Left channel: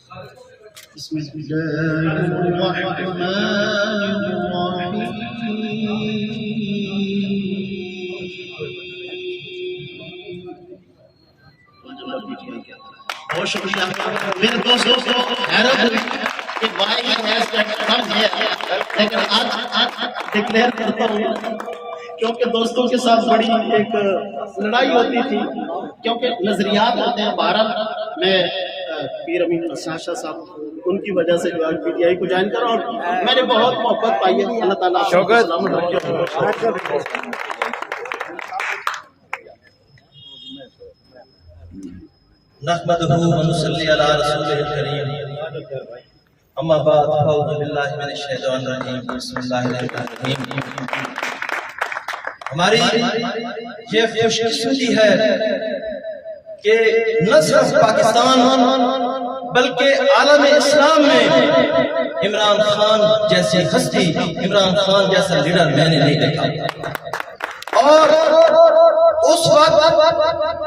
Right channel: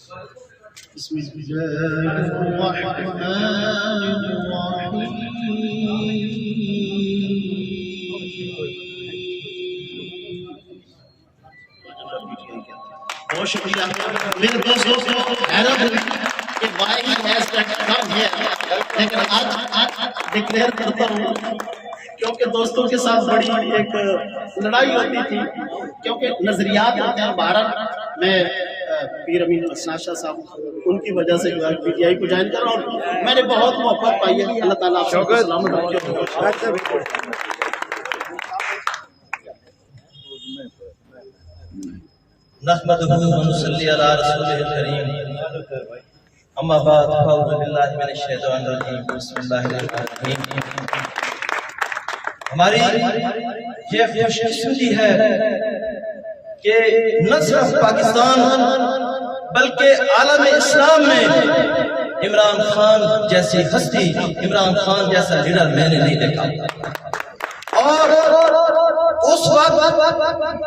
بسم الله الرحمن الرحيم. بہت شکریہ میرے دوستوں کو حیرت ہوئی کہ why he has that come here. لیکن آج ڈکلیئر کرتا ہوں کیونکہ دوستوں کے ساتھ بڑی ایک لڑائی ہوتی تھی، کیونکہ نظریات ہوتے ہیں بھارت میں. پیر امین حسن شاہ صاحب ان کی وجہ سے جو ہے پی ٹی آئی کو جوائن کر رہا ہوں. میں نے بہت محبت پائی ہے. اللہ تعالیٰ آپ کو سلامت رکھے. نحمدہ و نصلی علی رسولہ الکریم. اما بعد اعوذ باللہ من الشیطان الرجیم. بسم اللہ الرحمن الرحیم. ہماری یہ خوش قسمتی ہے کہ نہ صرف پاکستان بلکہ عالم اسلام میں عمران خان جیسی ہستی، عمران خان جیسا لیڈر میں نے نہیں دیکھا. اور اس وقت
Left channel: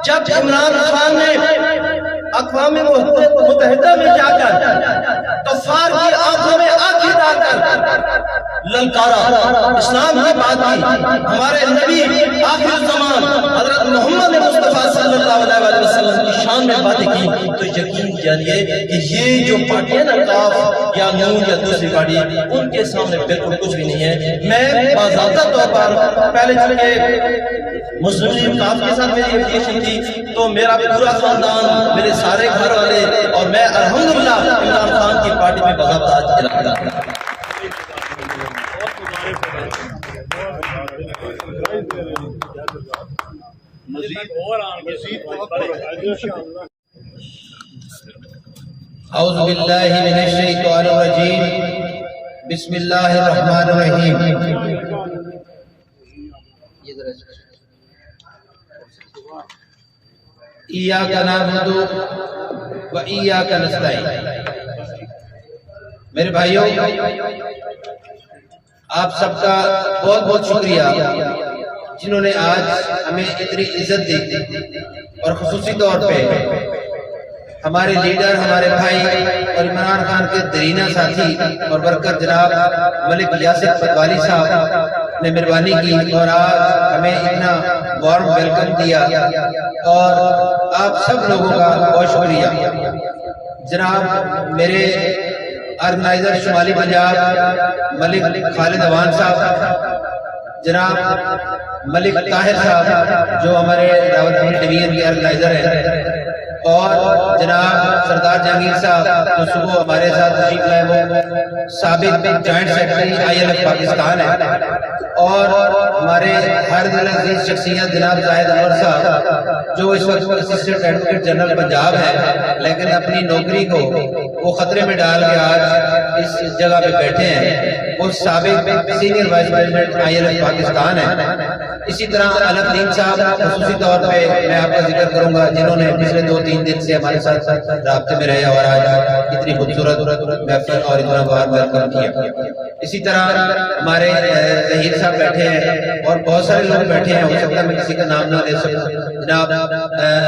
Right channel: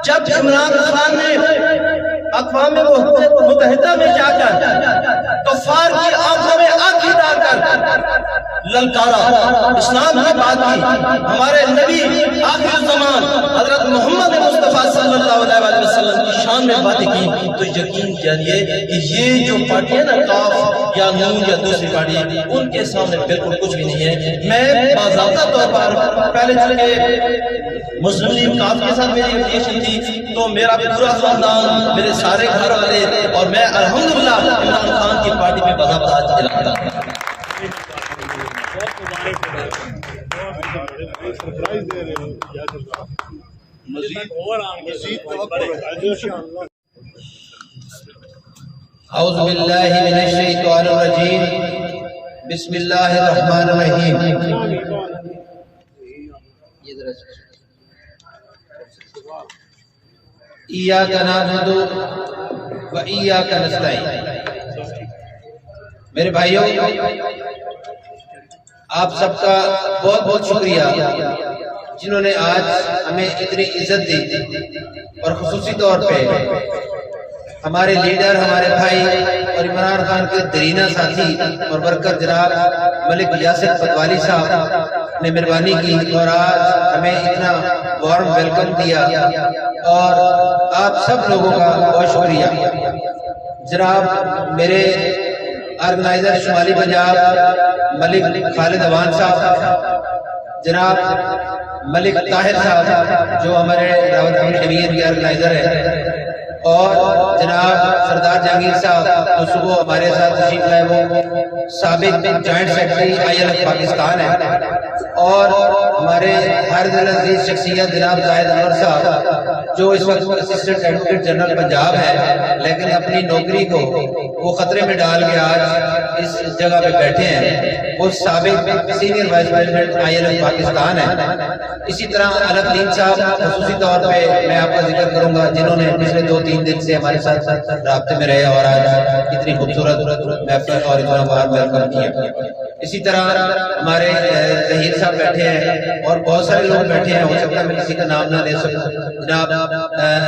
جب عمران خان نے اقوام متحدہ میں جا کر کفار کی آنکھوں میں آنکھیں ڈال کر للکارا، اسلام کی بات کی، ہمارے نبی آخر الزمان حضرت محمد مصطفیٰ صلی اللہ علیہ وسلم کی شان میں باتیں کی، تو یقین جانیے کہ یہ جو پارٹی ہے نا، کاف یا نون یا دوسری پارٹی، ان کے سامنے بالکل کچھ بھی نہیں ہے. میں باضابطہ طور پر پہلے چونکہ مسلم لیگ کاف کے ساتھ میری افیلیشن تھی، تو میرا پورا خاندان، میرے سارے گھر والے اور میں الحمدللہ عمران خان کی پارٹی میں باضابطہ آج اعلان کرتا ہوں. اعوذ باللہ من الشیطان الرجیم. بسم اللہ الرحمن الرحیم. ایاک نعبد و ایاک نستعین. میرے بھائیوں، آپ سب کا بہت بہت شکریہ جنہوں نے آج ہمیں اتنی عزت دی، اور خصوصی طور پہ ہمارے لیڈر، ہمارے بھائی اور عمران خان کے درینہ ساتھی اور ورکر جناب ملک یاسر پتوالی صاحب نے مہربانی کی اور آج ہمیں اتنا وارم ویلکم دیا. اور آپ سب لوگوں کا بہت شکریہ. جناب میرے آرگنائزر شمالی پنجاب ملک خالد اوان صاحب، جناب ملک طاہر صاحب جو ہمارے راولپنڈی ڈویژن کے آرگنائزر ہیں، اور جناب سردار جہانگیر صاحب جو صبح ہمارے ساتھ تشریف لائے، وہ سابق جوائنٹ سیکرٹری ILF پاکستان ہے، اور ہمارے ہر دل عزیز شخصیت جناب زاہد انور صاحب جو اس وقت اسسٹنٹ ایڈوکیٹ جنرل پنجاب ہے، لیکن اپنی نوکری کو وہ خطرے میں ڈال کے آج اس جگہ پہ بیٹھے ہیں. وہ سابق senior vice president ILF Pakistan ہے. اسی طرح الف دین صاحب خصوصی طور پہ میں آپ کا ذکر کروں گا، جنہوں نے پچھلے 2-3 دن سے ہمارے ساتھ رابطے میں رہے اور آج اتنی خوبصورت محفل اور اتنا وارم ویلکم کیا. اسی طرح ہمارے ظہیر صاحب بیٹھے ہیں اور بہت سارے لوگ بیٹھے ہیں، ہو سکتا ہے میں کسی کا نام نہ لے سکوں. جناب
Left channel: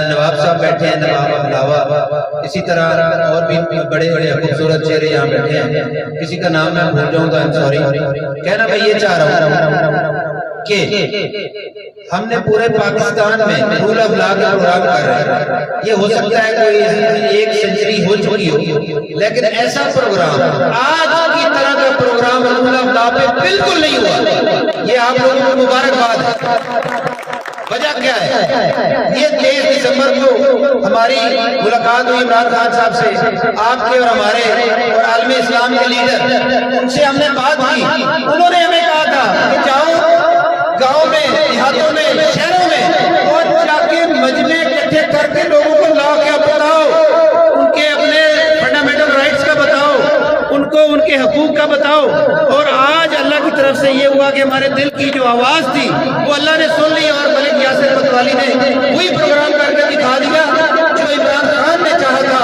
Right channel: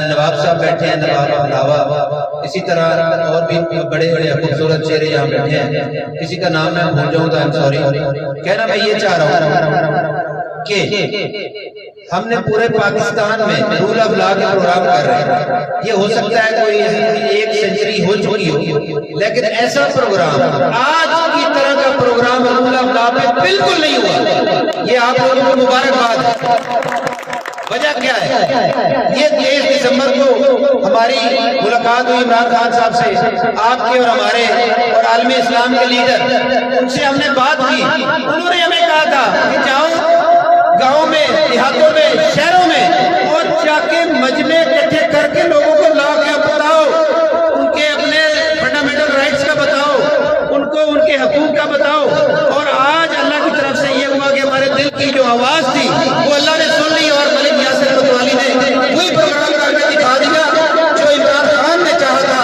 نواب صاحب بیٹھے ہیں، نواب علاوہ. اسی طرح اور بھی بڑے بڑے خوبصورت چہرے یہاں بیٹھے ہیں. کسی کا نام میں بھول جاؤں تو سوری. کہنا میں یہ چاہ رہا ہوں کہ ہم نے پورے پاکستان میں رول آف لا کے پروگرام کر رہے ہیں. یہ ہو سکتا ہے کوئی 1 سینچری ہو چکی ہو، لیکن ایسا پروگرام آج کی طرح کا پروگرام رول آف لا پہ بالکل نہیں ہوا. یہ آپ لوگوں کو مبارکباد ہے. وجہ کیا ہے؟ یہ 23 دسمبر کو ہماری ملاقات ہوئی عمران خان صاحب سے، آپ کے اور ہمارے اور عالم اسلام کے لیڈر، ان سے ہم نے بات کی. انہوں نے ہمیں کہا تھا کہ جاؤ گاؤں میں، دیہاتوں میں، شہروں میں اور جا کے مجمع اکٹھے کر کے لوگوں کو لا کے بتاؤ، ان کے اپنے فنڈامنٹل رائٹس کا بتاؤ، ان کو ان کے حقوق کا بتاؤ. اور آج اللہ کی طرف سے یہ ہوا کہ ہمارے دل کی جو آواز تھی وہ اللہ نے سن لی، اور ملک یاسر پتوالی نے وہی پروگرام کر کے دکھا دیا جو عمران خان نے چاہا تھا.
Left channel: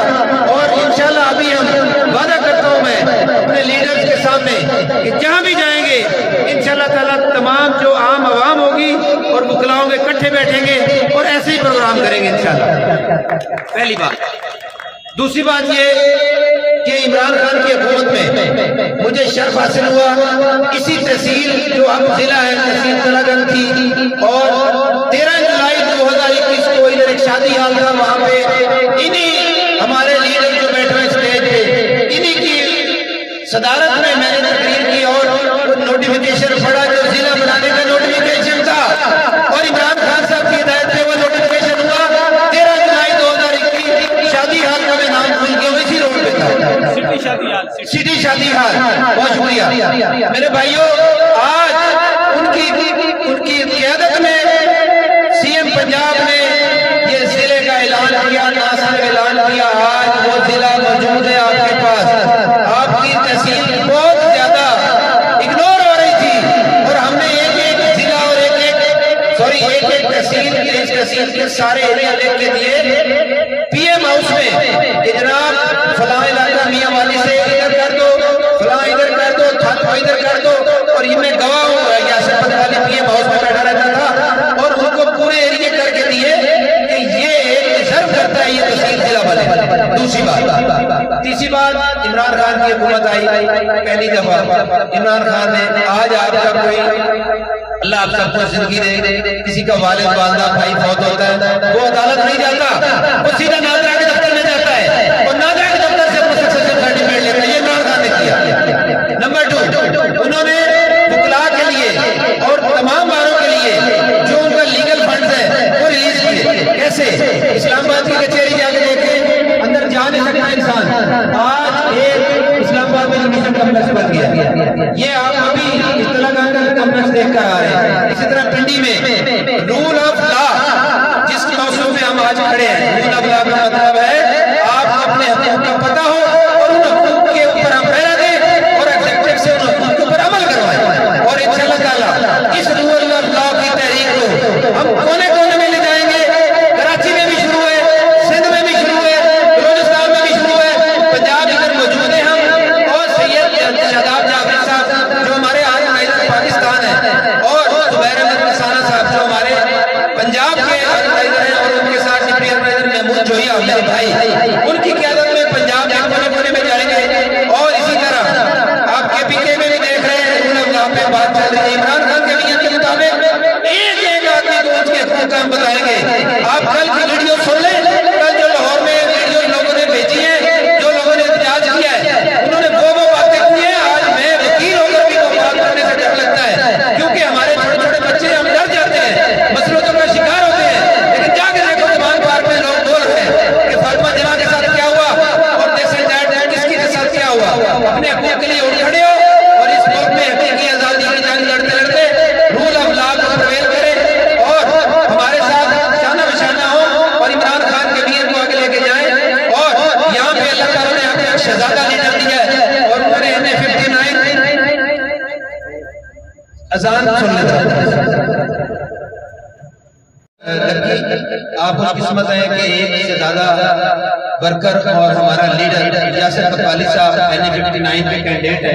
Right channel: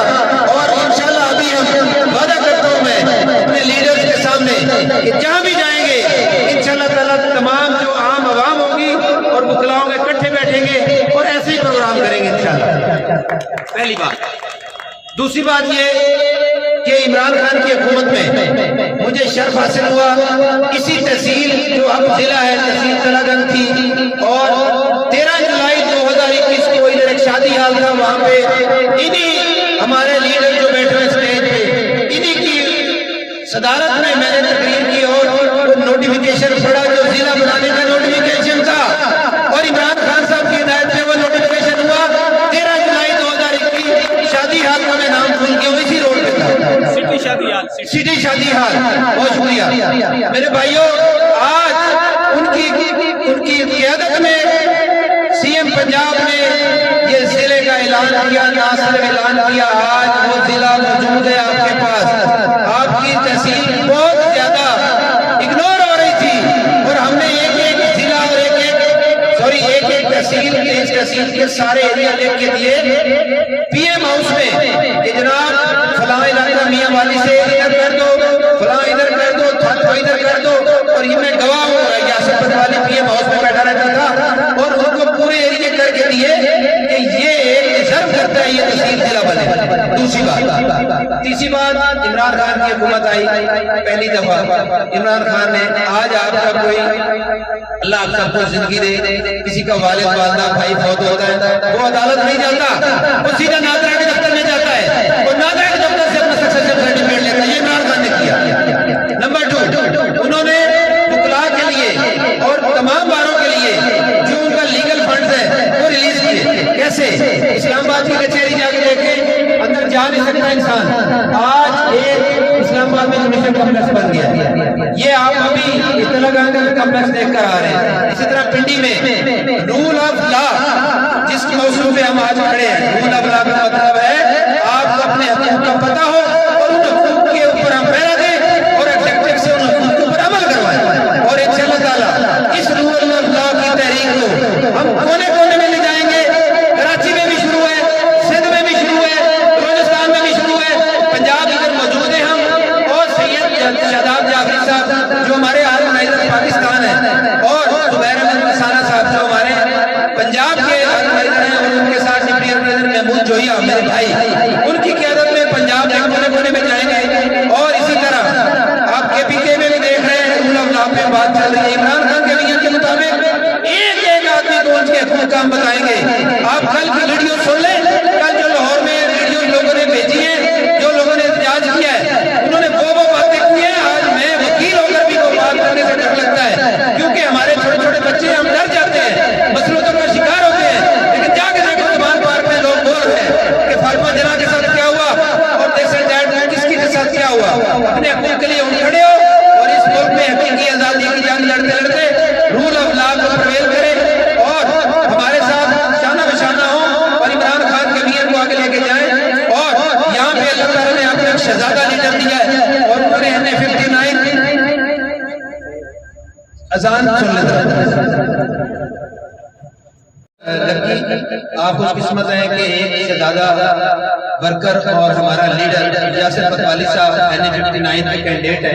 اور انشاءاللہ ابھی ہم وعدہ کرتا ہوں میں اپنے لیڈر کے سامنے کہ جہاں بھی جائیں گے انشاءاللہ تعالیٰ تمام جو عام عوام ہوگی اور وکلاؤں کے اکٹھے بیٹھیں گے اور ایسے ہی پروگرام کریں گے انشاءاللہ. پہلی بات. دوسری بات یہ کہ عمران خان کی حکومت میں مجھے شرف حاصل ہوا اسی تحصیل جو اب ضلع ہے تحصیل تلہ گنج تھی، اور 13 جولائی 2021 کو ادھر ایک شادی حال تھا، وہاں پہ انہی ہمارے لیڈر جو بیٹھے ہوئے اسٹیج پہ انہی کی صدارت میں میں نے تقریر کی اور وہ نوٹیفیکیشن پڑھا جو ضلع بنانے کا نوٹیفیکیشن تھا، اور عمران خان صاحب کی ہدایت پہ وہ نوٹیفیکیشن ہوا 13 جولائی 2021 شادی حال کا میں نام بھول گیا ہوں، اسی روڈ پہ تھا سٹی شادی حال۔ بہت شکریہ میرے بھائیوں، آج ان کی قیادت میں سی ایم پنجاب نے یہ ضلع کا اعلان کیا، نہ صرف اعلان کیا، آج وہ ضلع موجود ہے آپ کے پاس۔ آپ کی تحصیل بہت زیادہ اگنور ہو رہی تھی اور ہم نے ایک ضلع اور ایک تحصیل اس تحصیل کے سارے ایریا لکھ کے دیے پی ایم ہاؤس میں کہ جناب فلاں علاقہ میاں والی سے ادھر کر دو، فلاں ادھر کر دو، تھل کو ادھر کر دو، اور یہ میں گواہ ہوں، یاسر پتوالی پی ایم ہاؤس میں بیٹھا رہتا تھا اور ان کو پورے ایریے کر کے دیے کہ یہ ڈیزرو کرتا ہے یہ تحصیل ضلع بنے۔ دوسری بات، تیسری بات، عمران خان کی حکومت آئی پہلی دفعہ، عمران خان نے آج آپ کا کوئی اللہ آپ سب کو زندگی دے، کسی کا والد والدہ بھائی فوت ہوتا ہے وہ عدالت نہیں جاتا، وہ سیدھا ناظرہ کے دفتر میں جاتا ہے اور ناظرہ کے دفتر سے اپنا سکسیشن سرٹیفکیٹ لیتا ہے۔ یہ عمران خان نے کیا۔ نمبر 2، انہوں نے وکلاء کے لیے اور تمام باروں کے لیے جو ان کا لیگل فنڈز ہے وہ ریلیز کیے۔ کیسے؟ اسلام آباد کی کچہری جا کے دیکھیں، اندر جا نہیں سکتا انسان۔ آج ایک اسلام آباد میں کمیشن کمپلیکس بن گیا، یہ آپ ابھی اطلاع گنج کمپلیکس دیکھ کر آ رہے ہیں۔ اسی طرح پنڈی میں رول آف لا، جس موضوع پہ ہم آج کھڑے ہیں، رول آف لا کا مطلب ہے آپ کو اپنے حقوق کا پتہ ہو اور ان حقوق کے اوپر ہم پہرا دیں اور ایگزیکٹو سے ان حقوق کے اوپر عمل کروائیں، اور انشاءاللہ تعالیٰ اس رول آف لا کی تحریک کو ہم کونے کونے میں لے جائیں گے۔ کراچی میں بھی شروع ہے، سندھ میں بھی شروع ہے، بلوچستان میں بھی شروع ہے، پنجاب ادھر موجود ہیں ہم، اور سید شاداب جعفری صاحب جو ہمارے آرگنائزر پاکستان ہیں، اور زبیر احمد رسانہ صاحب جو ہمارے پنجاب کے آرگنائزر ہیں، اور ان کے ساتھ ڈپٹی آرگنائزر محمود جوہیا میرے بھائی، ان کی قیادت میں پنجاب کے کونے کونے میں جائیں گے۔ اور اسی طرح آپ کے پی کے میں بھی دیکھ رہے ہیں رول آف لا پہ بات چل رہی ہے، عمران خان کے ویژن کے مطابق ایک آدمی کو ان کے حقوق کا ہم بتائیں گے۔ آپ کل کی ویڈیو سن لیں، کل جو لاہور میں ویڈیو لوگوں نے بھیجی ہیں، جو لوگوں نے احتجاج کیا ہے، انہوں نے وہ باتیں کی ہیں، آج میں وکیل ہو کر بھی وہ بات کرنے سے ڈر لگتا ہے، کیونکہ ہمارے چھوٹے چھوٹے بچے ہم ڈر جاتے ہیں، مسلطوں کا شکار ہوتے ہیں، لیکن جا کے دیکھو زبان پارک میں لوگ بول رہے ہیں کہ فاطمہ جناح کے ساتھ کیا ہوا اور دیکھیں کس کے ساتھ کیا ہوا۔ اپنے حقوق کے لیے اٹھ کھڑے ہو اور اس ملک میں حقیقی آزادی کی جنگ لڑتے لڑتے رول آف لا کو پرویل کریں اور ہمارے ساتھ شانہ بشانہ ہو اور عمران خان کے ویژن کو آگے لے کے جائیں۔ اور یہاں پہ اللہ تعالیٰ نے آپ کو ایک شہزادہ لیڈر دیا ہے، اور انہوں نے NA-59 اذان سن لیتا لکی آپ خوش قسمت ہیں کہ ایک شہزادہ ورکر اور ہمارا لیڈر یاسر پتوالی صاحب NA-59 پہ کینڈیڈیٹ ہے۔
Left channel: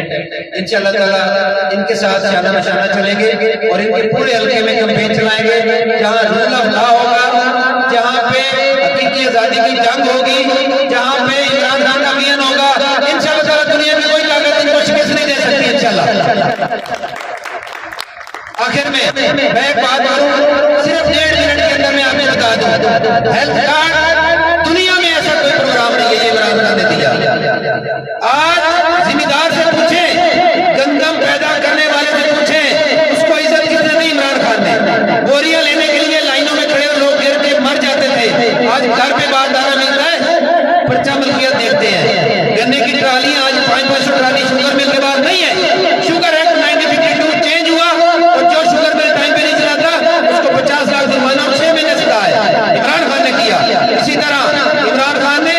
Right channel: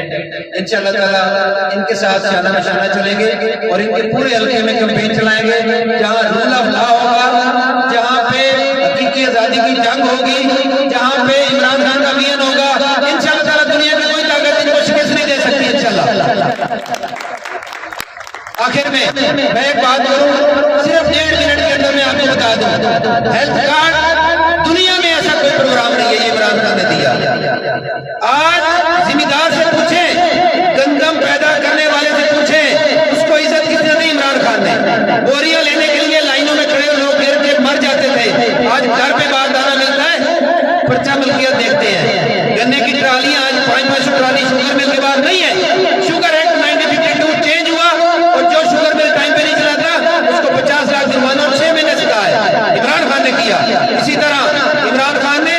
انشاءاللہ تعالیٰ ان کے ساتھ شانہ بشانہ چلیں گے اور ان کے پورے حلقے میں کمپین چلائیں گے، جہاں رول آف لا ہوگا، جہاں پہ حقیقی آزادی کی جنگ ہوگی، جہاں پہ عمران خان کا ویژن ہوگا، انشاءاللہ تعالیٰ دنیا کی کوئی طاقت ان کو شکست نہیں دے سکتی انشاءاللہ۔ آخر میں ایک بات کروں، صرف 1.5 منٹ کے اندر میں آپ کو بتا دوں، ہیلتھ کارڈ دنیا میں ایسا کوئی پروگرام نہیں ہے، یہ عمران خان نے دیا۔ آج ذمہ دار سے پوچھیں، گندم پیدا کرنے والے سے پوچھیں، اس کو عزت کس نے دی؟ عمران خان نے۔ بوریاں لینے کے لیے لائنوں میں کھڑے لوگ گر کے مر جاتے تھے، آج گھر پہ بات دانا ملتا ہے، پرچہ ملکیت دیکھتے ہیں۔ گنے کی ٹرالیاں آج 500 ٹرالی شوگر مل کے بعد نہیں ہے، شوگر ایکٹ 1952 چینج ہوا اور جو شوگر مل ٹائم پہ نہیں چلاتا اس کو 50 لاکھ جرمانہ اور 6 مہینے سزا ہے، عمران خان نے کیا۔ اسی طرح عمران خان نے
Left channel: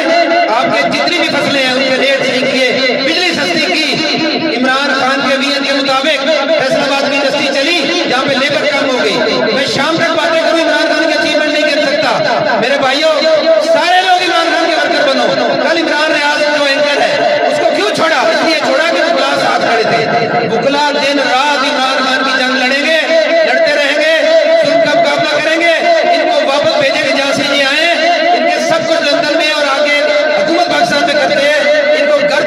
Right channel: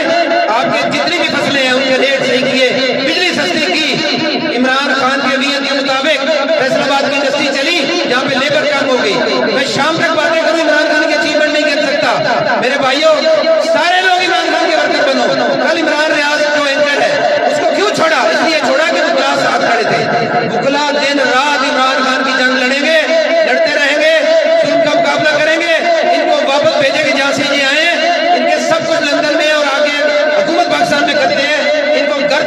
آپ کے جتنی بھی فصلیں ہیں ان کے ریٹ صحیح کیے، بجلی سستی کی، عمران خان کے ویژن کے مطابق فیصل آباد کی انڈسٹری چلی جہاں پہ لیبر کم ہو گئی۔ میں شام تک باتیں کروں، عمران خان کی اچیومنٹ نہیں کر سکتا۔ میرے بھائیوں، سارے لوگ عمران خان کے ورکر بنو۔ کل عمران ریاض جو اینکر ہے اس کو کیوں چھوڑا؟ اس لیے چھوڑا کہ وکلاء ساتھ کھڑے تھے۔ وکلاء دن رات عمران خان کی جنگ لڑیں گے، لڑتے رہیں گے، ظلم کا مقابلہ کریں گے۔ ان کو واپس بھیجے کہ جہاں سے یہ آئے ہیں، ان کے سب کچھ لندن میں اور آگے حکومت پاکستان میں کرتے ہیں، ان کو گھر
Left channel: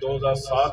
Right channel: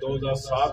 2007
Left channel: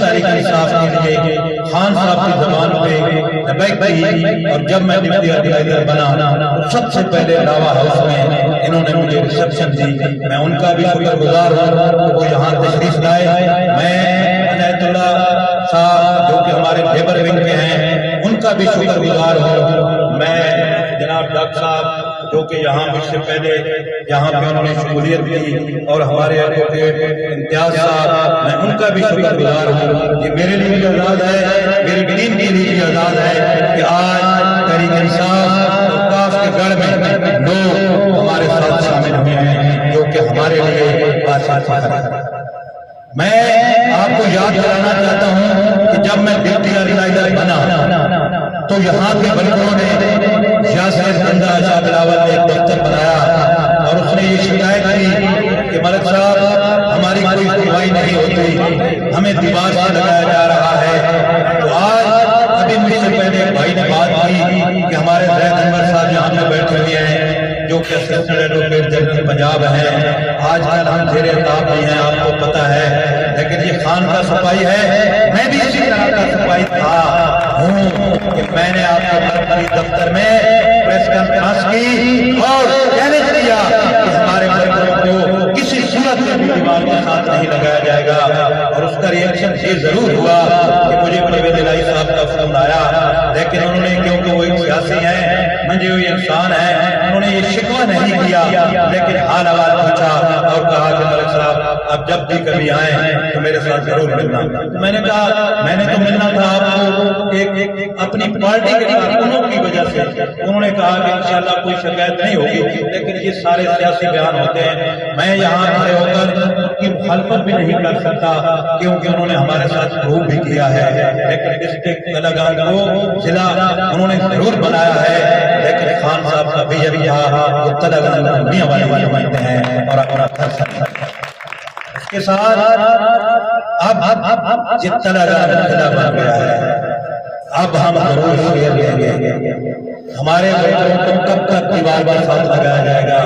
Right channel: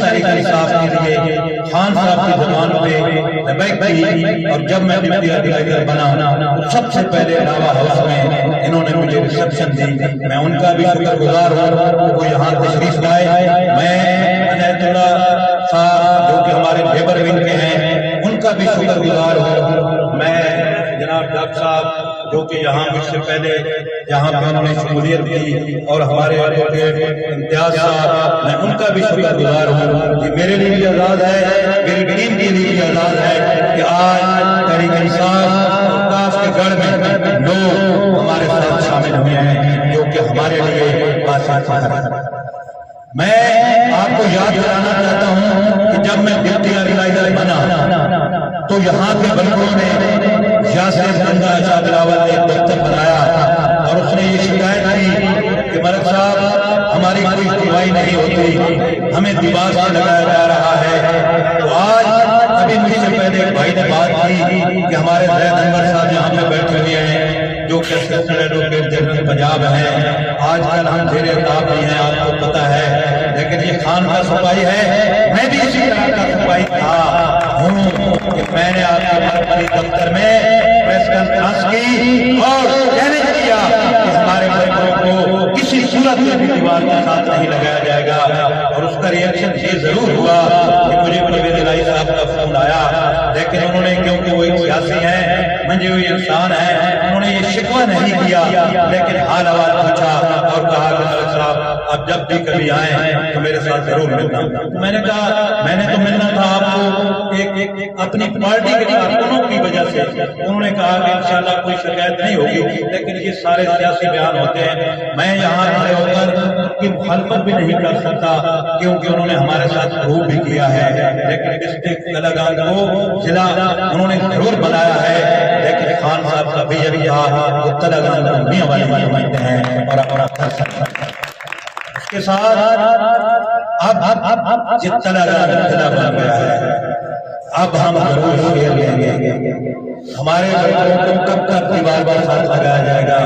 تحریک انصاف کے لیے خان صاحب کی زبان پہ لبیک کی، اور جب میں ڈپٹی آرگنائزر بنا تو سب سے پہلے لاوا ہاؤس میں انہوں نے مجھے ریسپشن دی، میں ان کا بھی شکر گزار ہوں، وہ یہاں تشریف لائے۔ میں عنایت اللہ صاحب جو کہ ہمارے لیبر ونگ کے ہیں ان کا بھی شکر گزار ہوں۔ میں جناب ڈاکٹر صاحب جو کہ یہاں مجھ سے پہلے جہاں پہ انہوں نے شمولیت کی، اور ہمارے ایڈوکیٹ امتیاز صاحب، میں ان کا بھی شکر گزار ہوں۔ یہ میرے لیے بھی آزاد ہے، میری ٹیم کے لیے بھی آزاد ہے کہ آج تحریک انصاف اور کاف کے گڑھ میں لوگ ہمارے ساتھ شامل ہوئے ہیں، جو کہ ہمارے لیے باعث فخر ہے۔ میں آپ کو یاد دلانا چاہتا ہوں کہ جب میں ڈپٹی آرگنائزر بنا تو یہاں کے ورکروں نے یاسر زندہ شاہ بلاول نے ایک دفتر بنایا، اور اس نے یہ شکایت کی کہ ملک صاحب ہماری کوئی سنوائی نہیں ہوتی، ہمیں دیوار سے لگایا جا رہا ہے۔ تو آج ابھی مجھ سے پہلے ایک بھائی نے بات کی کہ ہمارے زید انور صاحب یہاں پہ بیٹھے ہوئے ہیں جو کہ اسسٹنٹ ایڈوکیٹ جنرل پنجاب ہیں، آج کل ہم زیر الطاف نہیں ہیں، آپ کو پتہ ہے، لیکن یہ خان کا سپاہی ہے، میں بھی اسی طرح کا سپاہی تھا ہوں کہ میں نے آپ کے مرکزی دفتر میں پریس کانفرنس کی اور چیلنج کیا کہ ہمارے ورکروں کو کسی صورت میں بھی دیوار کے ساتھ نہیں لگایا جائے گا، اور اس کا ریئیکشن یہ ضرور ہوا کہ مجھے پرویز الہی صاحب کا فون آیا، لیکن انہوں نے کیونکہ وہ ایک سیاسی ہیں، منجے ہوئے انسان ہیں، انہوں نے یہ شکوہ نہیں کیا، لیکن حال احوال پوچھا اور کہا کہ ملک صاحب آپ جب بھی کبھی آئیں تو میرے ساتھ ضرور ملنا۔ تو میں نے کہا میں نے تو ملنا تھا آپ کو ایک اپنی پارٹی کے کارکنوں کی وجہ سے۔ انہوں نے کہا کہ انشاءاللہ کوئی شکایت نہیں ہوگی، لیکن یہ سارے سیاسی بیان ہوتے ہیں، میں یہاں کھڑے ہو کر ان کی مخالفت بھی نہیں کر سکتا کیونکہ انہوں نے ہمارے ساتھ پروو بھی کیا ہے، لیکن ڈسٹرکٹ تلنگانہ کو ضلع انہوں نے ضرور بنایا ہے، لیکن خان صاحب کا بھی یہ تھا وہ تلنگانہ میاں والے سمجھتے ہیں اور اپنا کر سکتے ہیں۔ اس کے ساتھ اب یہ تلنگانہ ضلع بن گیا ہے، اب ہم ضرور شیئر لیں گے۔ ہمارے بچوں کو کب تک دیوار کے ساتھ لگایا جائے گا؟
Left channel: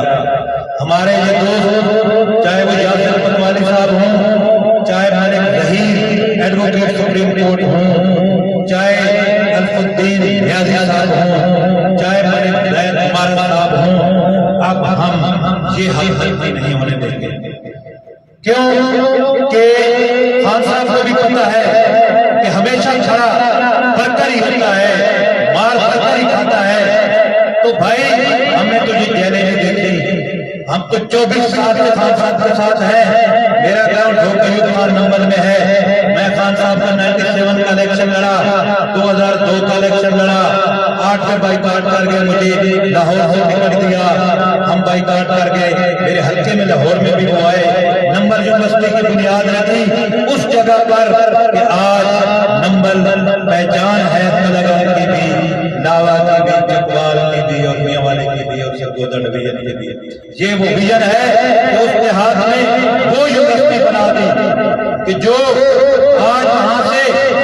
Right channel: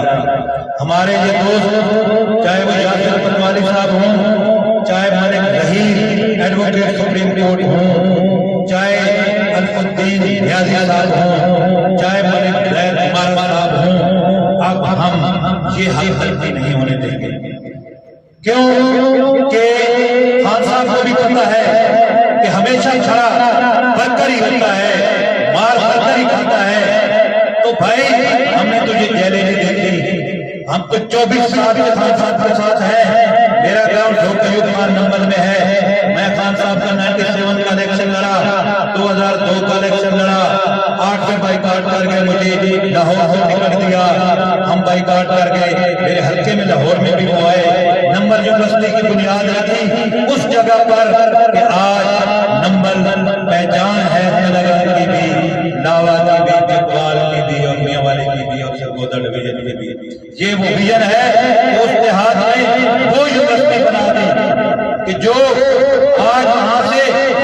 ہمارے یہ دوست چاہے وہ یاسر پتوالی صاحب ہوں، چاہے ملک ظہیر ایڈوکیٹ سپریم کورٹ ہوں، چاہے الف الدین نیازی صاحب ہوں، چاہے ملک زید عمارت صاحب ہوں، اب ہم یہ حق تلفی نہیں ہونے دیں گے۔ کیوں کہ خان صاحب کو بھی پتہ ہے کہ ہمیشہ کھڑا برکر ہی ہوتا ہے، مار برکر ہی کھاتا ہے۔ تو بھائی ہم نے تو یہ جیلیں نہیں دیکھی، ہم تو 24 سال سے خان صاحب کے ساتھ ہیں۔ میرا گراؤنڈ ایوب خان نمبر میں ہے، میں خان صاحب کا 97 کا الیکشن لڑا، 2002 کا الیکشن لڑا، 8 میں بائیکاٹ کر گئے، مجھے لاہور سے ٹکٹ دیا، ہم بائیکاٹ کر گئے، میرے حلقے میں لاہور میں بھی وہ آئے، نمبر یونیورسٹی کی بنیاد رکھی اس جگہ پر کہ آج نمبر پہچان ہے تلنگانہ کی بھی، لاوا کی بھی، چکوال کی بھی، اور میاں والے کی بھی، اور سرگودا ڈویژن کی بھی۔ یہ وہ ویژن ہے کہ اس دیہات میں وہ یونیورسٹی بنا دی کہ جو آج وہاں سے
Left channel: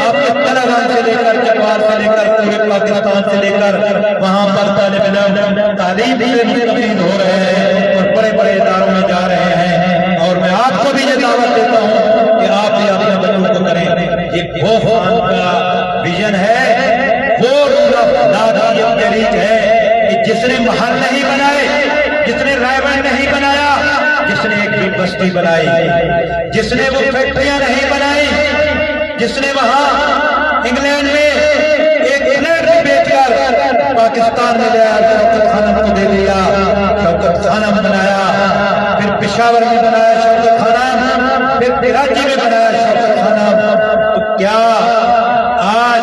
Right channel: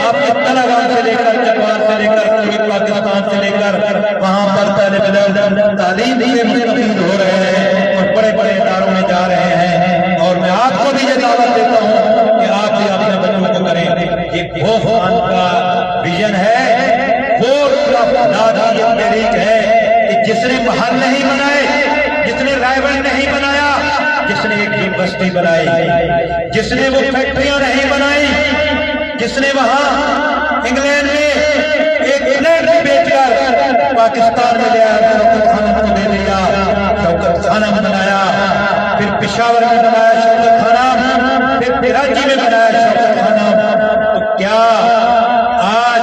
آپ کے تلنگانہ سے لے کر چکوال سے لے کر پورے پاکستان سے لے کر وہاں پر طالب علم تعلیم سے مستفید ہو رہے ہیں اور بڑے بڑے اداروں میں جا رہے ہیں، اور میں آپ کو بھی یہ دعوت دیتا ہوں کہ آپ بھی اپنے بچوں کو کریں۔ یہ وہ خان کا ویژن ہے، وہ رول آف لا کی یہ تحریک ہے کہ جس نے محل نہیں بنائے، جس نے رائے بند نہیں بنایا، جس نے ایک یونیورسٹی بنائی، جس نے وہ فیکٹریاں نہیں بنائی، جس نے وہاں انگلینڈ میں ایک فلیٹ بھی بیچ کر پاکستان میں لے آیا، شوکت خانم کو دے دیا، شوکت خانم بنایا، پھر پشاور میں بنایا شوکت خانم، پھر کراچی میں بنایا شوکت خانم۔ تو کیا آج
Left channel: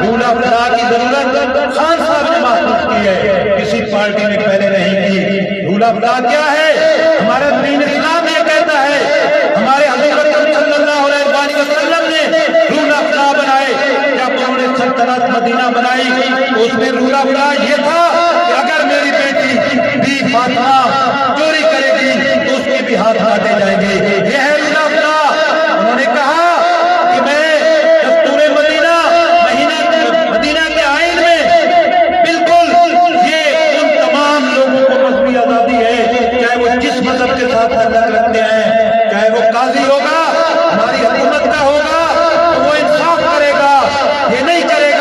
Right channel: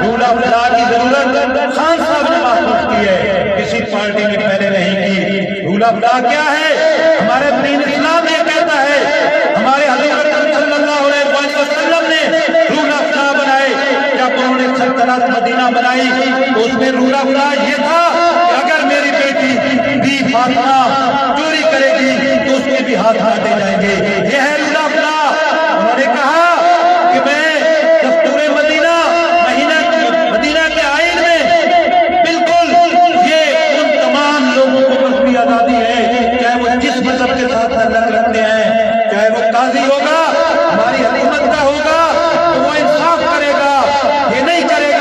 رول آف لا کی ضرورت خان صاحب نے محسوس کی ہے، کسی پارٹی نے پہلے نہیں کی؟ رول آف لا کیا ہے؟ ہمارا دین اسلام یہ کہتا ہے، ہمارے حضور اکرم صلی اللہ علیہ وسلم نے رول آف لا بنائے، جب انہوں نے سلطنت مدینہ بنائی تو اس میں رول آف لا یہ تھا کہ اگر میری بیٹی بی فاطمہ چوری کرے گی تو اس کے بھی ہاتھ کاٹے جائیں گے، یہ ہے رول آف لا۔ انہوں نے کہا کہ میں دستور مدینہ کے آئین میں بالکل یہ ان تمام لوگوں کو مذہبی آزادی ہے، چاہے وہ جس مذہب کے ساتھ تعلق رکھتے ہیں، چاہے وہ قاضی ہوگا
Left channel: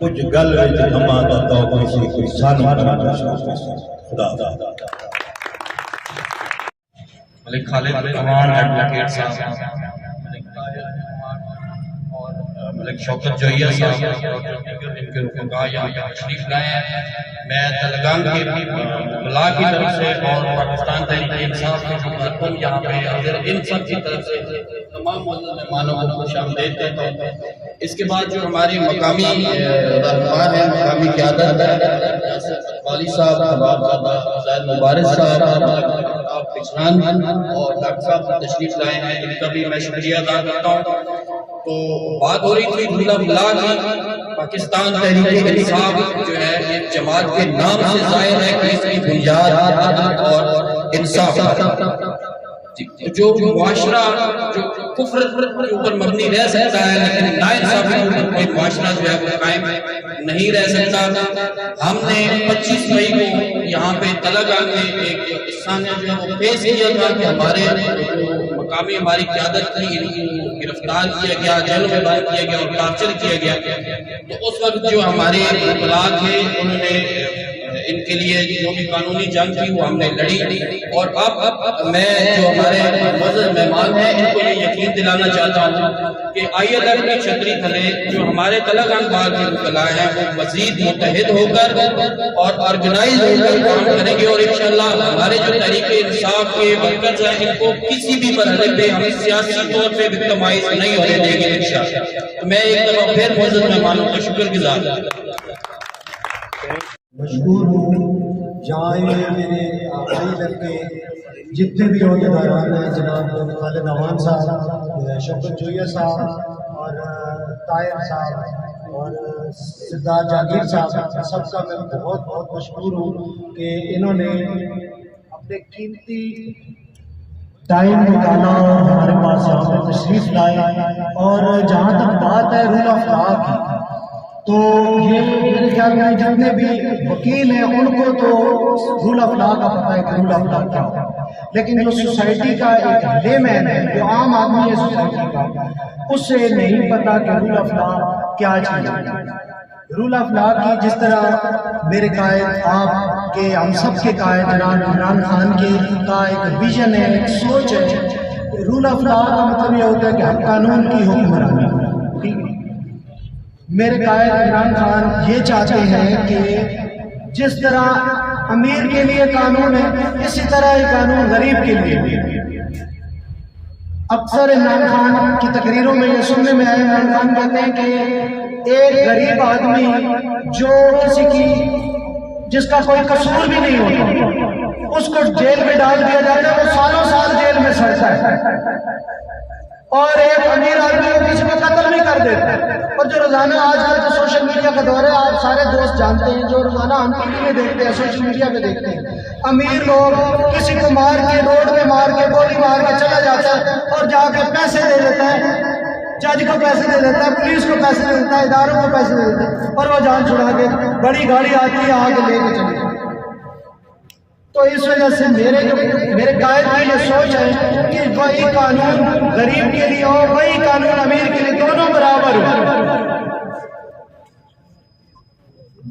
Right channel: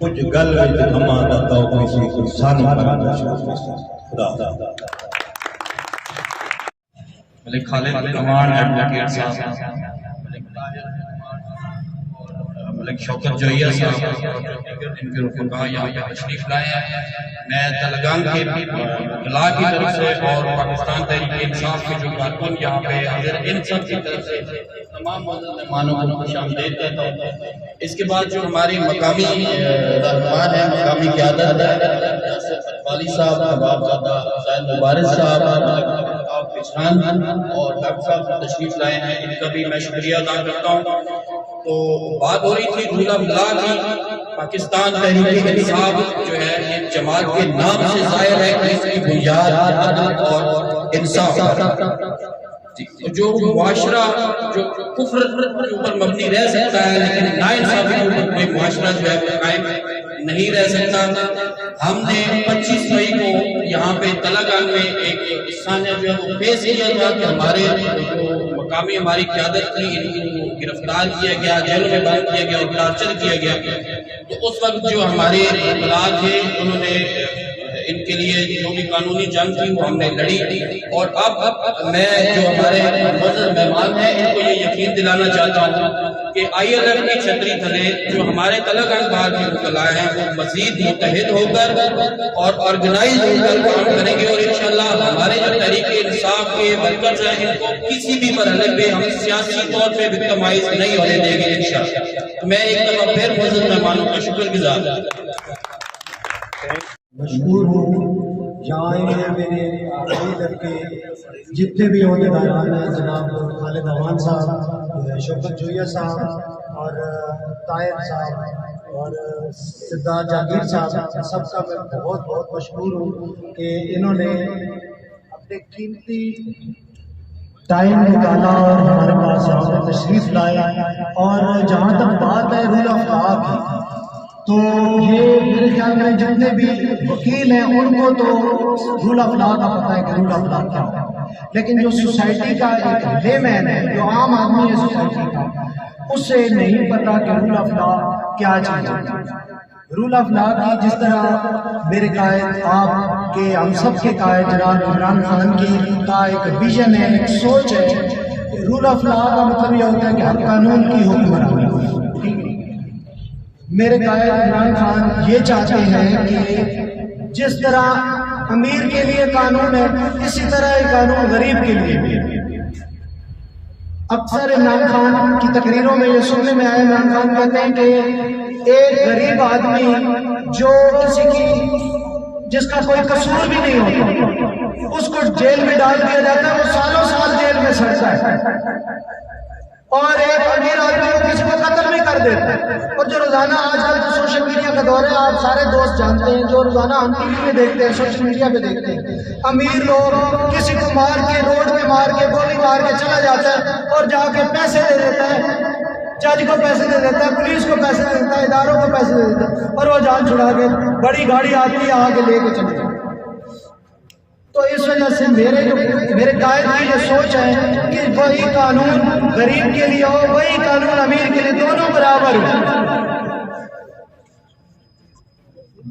کچھ گل وچ ہما دا توق سی کوئی سانو کرم شوق سی خدا ملک خالد رحمان ایڈوکیٹ صاحب، ملک طاہر رحمان اور ملک شوکت جوہیہ صاحب اور دیگر ان کے رفقا یہاں پہ تشریف لائے ہیں. میں تلگان کے بلا کی طرف سے اور پاکستان تحریک انصاف کے جو کارکن یہاں پہ حاضر ان سب کی طرف سے تمام معزز مہمانوں کو خوش آمدید کہتا ہوں. اس کے بعد جو ہمارے مقامی رہنمان ہیں، مقامی قیادت ہے، یاسر اقبالی صاحب، نواب زادہ زید مبارک صاحب اور ڈاکٹر صاحب تشریف لائے ہیں، ان کا بھی میں شکریہ ادا کرتا ہوں. تو بات ہو رہی تھی جھولا بلا کی. پاکستان تحریک انصاف جو ہے ایک جماعت کے نام سے ظاہر ہے کہ اس کی بنیاد عدل اور انصاف ہے. جو معاشرہ جو کفر کے اوپر مبنی رہ سکتا ہے لیکن ناانصافی کے اوپر کوئی معاشرہ جو ہے وہ قائم نہیں رہ سکتا. ہم نے 25 مئی کو یہاں پہ تلگان میں ایک قصہ جو ہے وہ پیش کیا تھا کہ ہمارے جو مقامی ہماری قیادت تھی ان کو گرفتار کیا گیا، جیلوں میں بند کیا گیا اور ٹارچر کیا گیا. تو اس وقت جو ہمارے وکلاء تھے انہوں نے ان کے لیے جو بھی قانونی جنگ تھی وہ ہم نے لڑی. اور اب میں جو ہمارے معزز مہمان ہیں ان کو یہ یقین دلانا چاہتا ہوں کہ ILF کی چھتری تھلے جو ہمارے تلگان باغ کے وکلاء ہیں وہ مزید متحد ہو کر اور آرگنائز ہو کر کام کریں گے اور انشاءاللہ ہمارے جو تحریک انصاف کے ورکرز ہیں ان کو کسی بھی مرحلے پہ ہم سیاسی طور پہ وکٹمائز نہیں ہونے دیں گے انشاءاللہ. تو میں ایک دفعہ پھر معزز مہمانوں کا شکر گزار ہوں. مشکور ہوں جہاں میرے ILF کے جتنے بھی عہدیداران ہیں، جناب خالد امان صاحب، شوکت جوہیہ صاحب اور طاہر صاحب اور سردار جہانگیر صاحب، سب کا میں بہت بہت مشکور ہوں کہ انہوں نے اپنے قیمتی ٹائم نکالا اور ہمارے پاس یہاں پہ تشریف لائے. اور جہاں تک بات ہے رول آف لا کی، تو یہ میرے خیال میں جتنے بھی وکیل ہیں ان کو تو رول آف لا کا پتہ ہے کہ رول آف لا کیا ہے، لیکن جو سوسائٹی کا ایک لے مین ہے، جو عام آدمی ہے سوسائٹی کا، اسے نہیں پتا کہ رول آف لا کیا چیز ہے. رول آف لا کی جس طرح میرے قائد، آپ کے، ہم سب کے قائد جناب عمران خان کی کا ایک ویژن ہے، ایک سوچ ہے. رول آف لا کا مطلب یہ ہوتا ہے کہ ہر قانون کی حکمرانی. ٹھیک ہے، میرے قائد عمران خان یہ چاہتے ہیں کہ جس طرح امیر کے لیے قانون ہے اسی طرح یہ قانون غریب کے لیے بھی ہے. اکثر عمران خان کی تقریروں میں یہ سننے میں آیا، عمران خان کہتے ہیں کہ ایک غریب آدمی جو جس کا کوئی قصور بھی نہیں ہوتا اس کو جیل میں ڈال دیا جاتا ہے، وہ سالوں سال جیل میں سڑتا ہے. اور ایک امیر آدمی کو کسی کو قتل بھی کر دیتا ہے. اور جو روزانہ آج کل جو سوشل میڈیا کا دور ہے، آپ سارے دوست جانتے ہیں، جو روزانہ ہم TV میں دیکھتے ہیں، سوشل میڈیا پہ دیکھتے ہیں، امیر لوگ کسی کو مار کے، روڈ میں مار کے، گولی مار کے چلا جاتا ہے اور جا کے پیسے دے دیتا ہے، جج کو پیسے دے دیتا ہے، پولیس کو پیسے دے دیتا ہے، اداروں کو پیسے دے دیتا ہے، اور وہ جان چھڑا کے بڑی گاڑی آتی ہے آگے لے کے چلی جاتی ہے. تو اس وجہ سے میرے قائد کی جو سوچ ہے کہ وہی قانون غریب کے لیے ہو، وہی قانون امیر کے لیے، دونوں برابر ہو.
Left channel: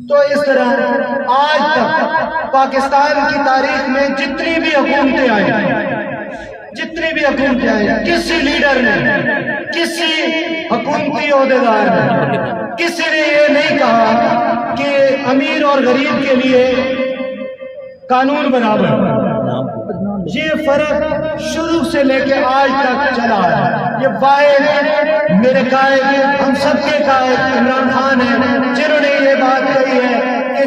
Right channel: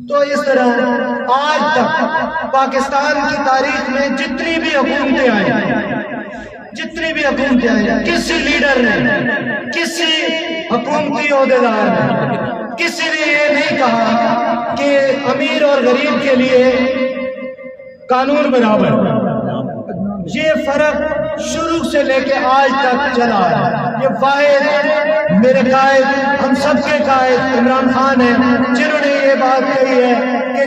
تو اس طرح آج تک پاکستان کی تاریخ میں جتنی بھی حکومتیں آئیں، کسی لیڈر نے، کسی حکومتی عہدیدار نے، کسی نے یہ نہیں کہا کہ امیر اور غریب کے لیے قانون برابر. یہ فرق شروع سے لے کے آج تک چلا ہے. یہ واحد میرے قائد، ہم سب کے قائد عمران خان ہیں جنہوں نے یہ بات کہی ہے کہ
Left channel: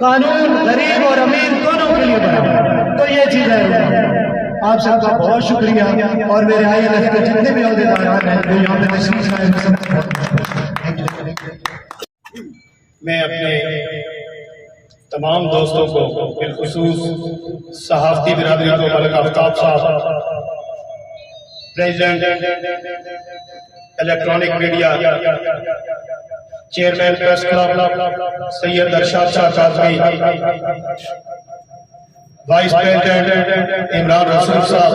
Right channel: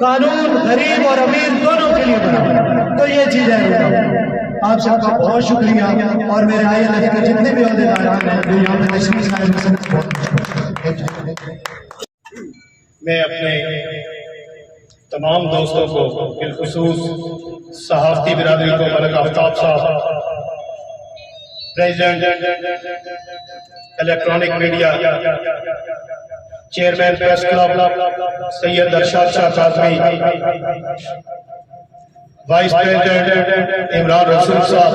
قانون غریب اور امیر دونوں کے لیے برابر. تو یہ چیز ہے. آپ سب کا بہت شکریہ اور میرے ILF کے جتنے بھی عہدیداران ہیں جو یہاں پہ تشریف لائے ہیں، سب کو بہت شکریہ. میں اپنے تمام دوستوں کو، بالخصوص صحافتی برادری کو، Malik Aftab sahab, president electronic media, chairman press club Syed Irshad Shah Kazmi, vice president Imran Rasool sahab,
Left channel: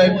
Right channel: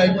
MP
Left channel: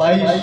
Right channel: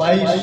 22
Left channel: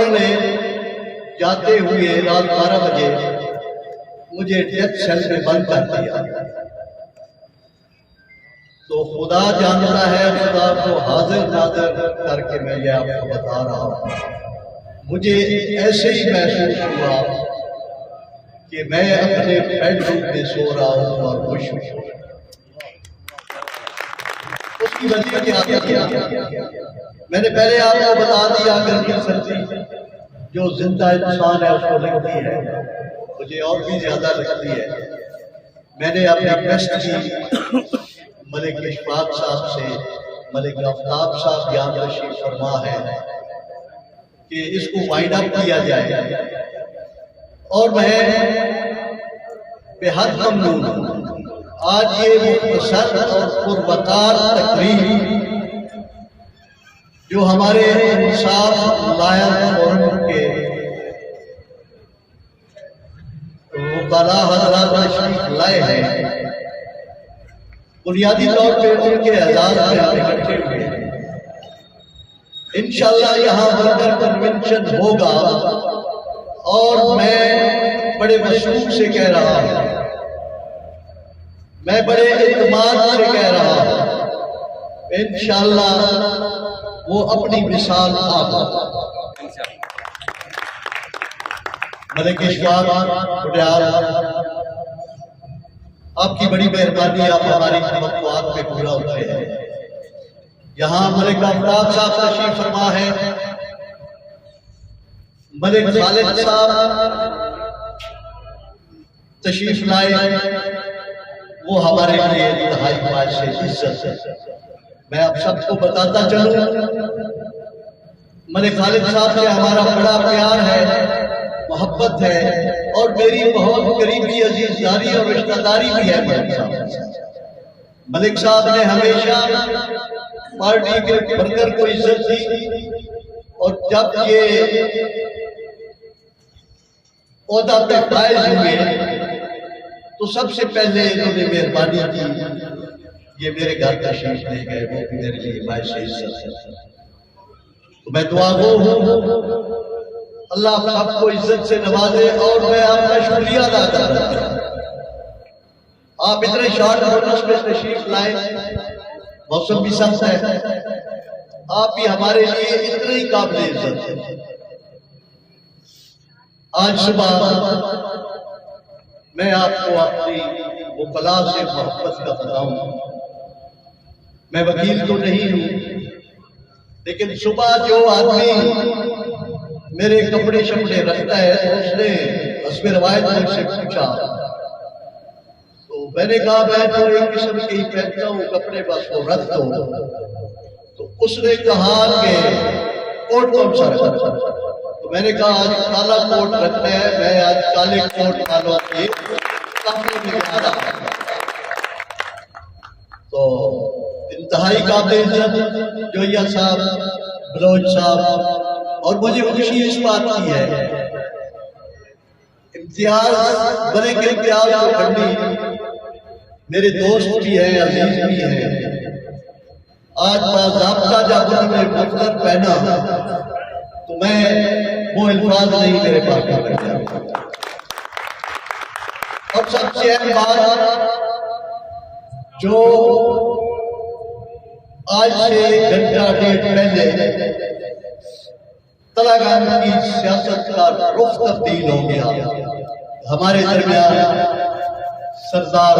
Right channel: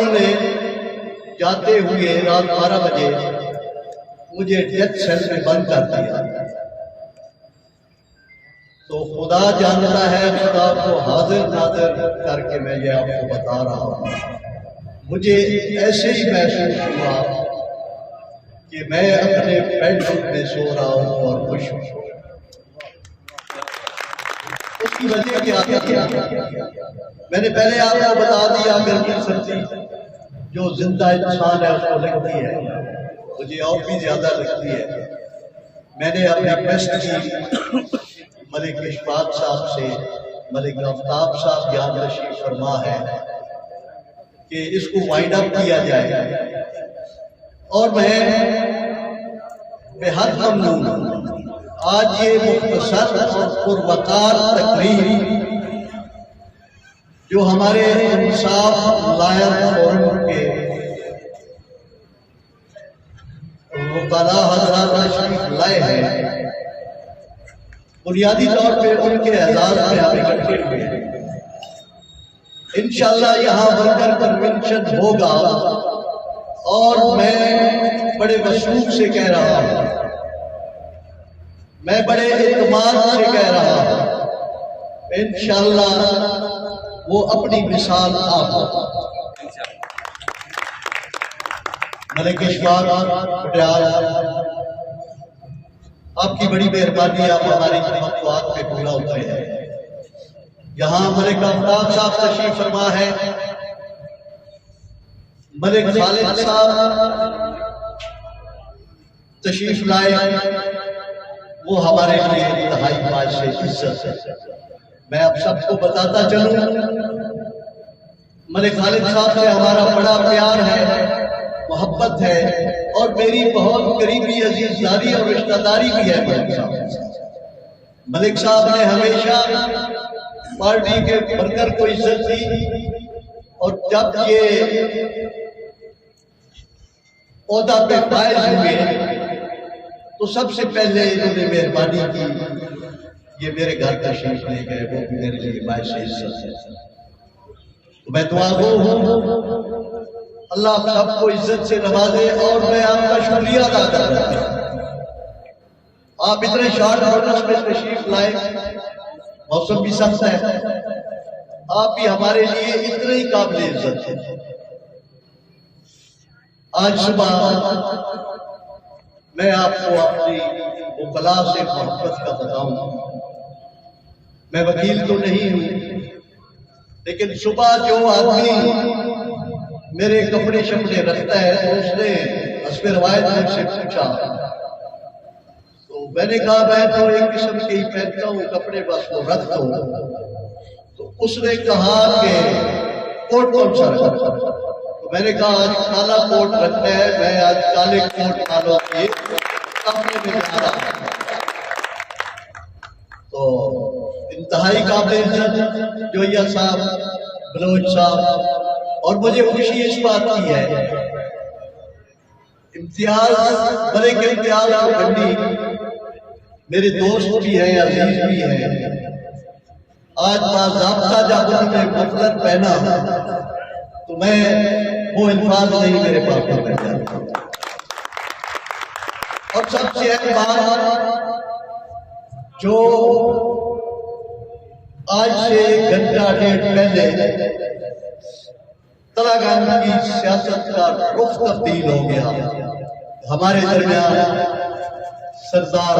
انہوں نے جاتے ہوئے رات 12 بجے مجھے ڈیتھ سیل میں بند کر دیا. تو خدا جانتا ہے, خدا کو حاضر ناظر کر کے میں یہ آپ کو بتا رہا ہوں, مجھے ایسے ہی محسوس ہوا کہ میں اپنے بیڈ روم میں سو رہا ہوں اور خوش ہوں. اس کی وجہ کیا ہے؟ میں نے پہلے آپ کو بتا دیا, گرمی سردی جو زندہ انسان ہے اس کو لگتی ہے, مجھے اور بھی زیادہ لگتی ہے. میں نے اپنے ٹیسٹ کی ملک اشفاق صاحب سے, ملک آفتاب صاحب یہاں تشریف فرما ہے کہ اس کو وائنڈ اپ کیا جائے, اور میں بے حد ممنون ہوں. آج یہ مختصر اور پروقار تقریر جو ہمارے انصاف لائن فورم کے وکلاء حضرات تشریف لائے ہیں, بنیادی طور پہ ان کے اعزاز میں ہم اکٹھے ہوئے ہیں. انشاءاللہ یہاں ورکر کنونشن ہوگا, اور میں بڑے وثوق سے کہہ رہا ہوں, میں بڑے اعتماد سے کہہ رہا ہوں, انشاءاللہ وہ اپنی مثال آپ ملک اشفاق پٹیال, آپ کی بڑی مہربانی, آپ ہماری توقعات پہ پورا اترے ہیں. یہاں ملک آفتاب صاحب تشریف فرما ہے, ملک خالد صاحب تشریف لائے, وہ ہمارے لیے انتہائی باعث عزت ہے. میں آپ سب کو بتاتا چلوں, ملک خالد صاحب سے ہمارا بڑا پیار ہے, محبت ہے, اور میری بہت قریبی عزیز داری اور رشتہ داری بھی ہے ملک صاحب. ملک صاحب نے ہمیشہ پارٹی کے ورکر کو عزت دی, اور جب یہ عہدہ پہ فائز ہوئے تو سب سے پہلے انہوں نے مہربانی کی, یہ میرے گھر تشریف لے گئے, وہ بھی میرے لیے باعث عزت ہے. تو میں دعا گو ہوں اللہ آپ سب کو عزت سے نوازے, اور میں آپ کا شکریہ ادا کر رہا ہوں. آپ اتنے شارٹ نوٹس میں تشریف لائے, موسم بھی سخت ہے, آپ بھی ہمارے لیے اتنے ہی قابل عزت ہیں. آج صبح میں آپ کو اپنی وکلاء سے محبت کا بتاؤں, میں وکیل تو نہیں ہوں, لیکن صبح جو آدمی میرے کپڑے شپڑے رکھتا ہے تو اس نے حسب روایت مجھ سے پوچھا, تو میں نے کہا میں تو ایک قسم کے ہی پہنتا ہوں کپڑے, بس وہ رکھ دو. تو اس نے کہا کہ کوٹ کون سا رکھا؟ تو میں نے کہا آج کالا کوٹ رکھنا ہے, میں آج کالے کوٹ والوں کے کپڑے میں جا رہا ہوں. تو انتہائی قابل عزت جویا صاحب, بلوچ صاحب, اور مجھے خوشی اس بات کی ہے, امتیاز بڑے کے امتیاز کو بندی میرے دوست بھی ہیں, عزیز بھی ہیں. آج باضابطہ جب انہوں نے مفلر پہنا تو میں وہ الفاظ نہیں میرے پاس میں بیٹھ جاتا. اور سب سے اہم بات جو آج سے گھنٹہ ڈیڑھ پہلے تلاگان کی سیاست کا رخ تبدیل ہو گیا. ہمارے درمیان سردار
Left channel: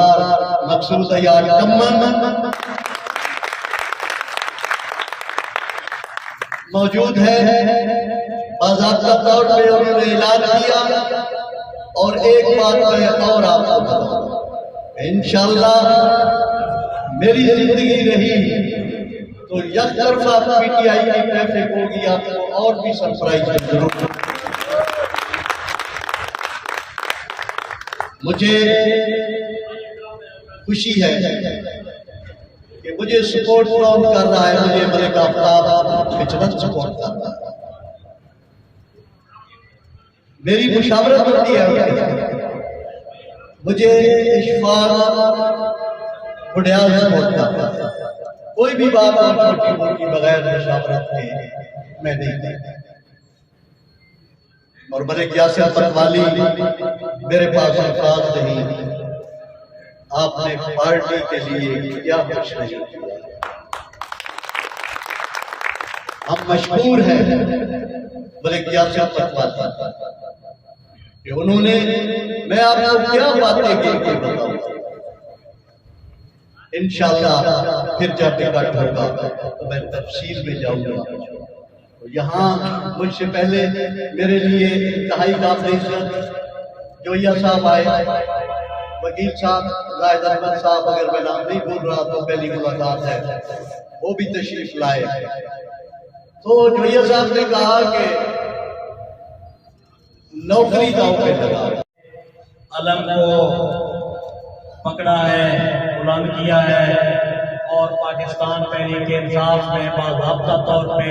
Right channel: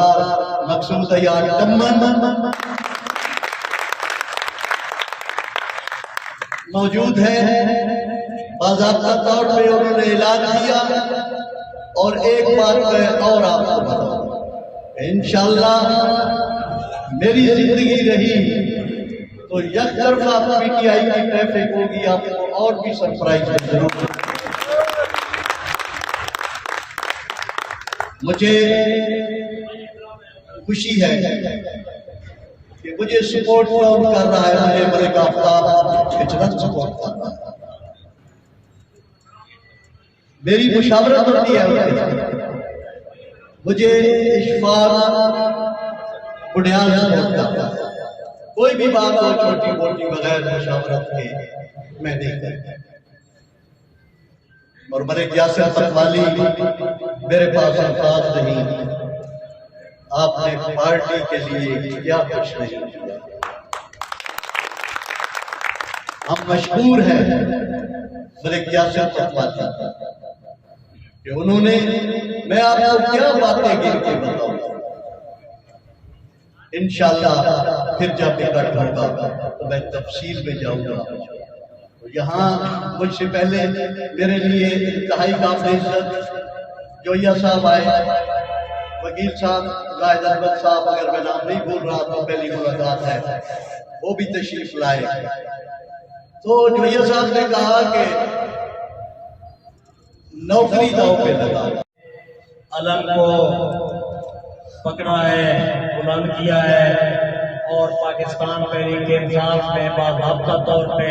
مقصود عیار کمن موجود ہے. باضابطہ طور پہ انہوں نے اعلان کیا, اور ایک بات میں اور آپ کو بتاؤں, انشاءاللہ میری زندگی رہی تو یک طرفہ پی ٹی آئی کی ٹریفک ہوگی, آپ کو اور بھی سرپرائز ضرور. مجھے خوشی ہے کہ مجھے سپورٹ کون کر رہا ہے, مجھے ملک آفتاب فطرت سپورٹ کر رہا ہے, میری مشاورت ہوتی ہے, مجھے اشفاق پٹیال سپورٹ کرتا ہے. کوئی بھی بات ہو چھوٹی موٹی بغیر مشاورت کے میں نہیں کرتا. اور ملک یاسر پتوالی میرے پاس الفاظ نہیں، آپ نے پارٹی کے لیے کیا کچھ نہیں کیا۔ ہم مشکور ہیں ملک یاسر پتوالی کہ انہوں نے، میں آپ کو کیا باتیں گر کے بتاؤں، انشاءاللہ پھر جب اکٹھ ہوگا تو میں تفصیل میں جاؤں گا۔ یہاں مجھ سے پہلے میرے لیے انتہائی قابل عزت جویا صاحب آئے، وکیل صاحب زاہد احمد صاحب، اگر میں نام نہیں بھول رہا تو پہلی ملاقات ہے، وہ بھی تشریف لائے۔ تو جویا صاحب نے کہا کہ نوکری داؤ پہ لگا، علم کو پکڑا ہے، بلند کیا ہے اور پاکستان تحریک انصاف میں باضابطہ طور پہ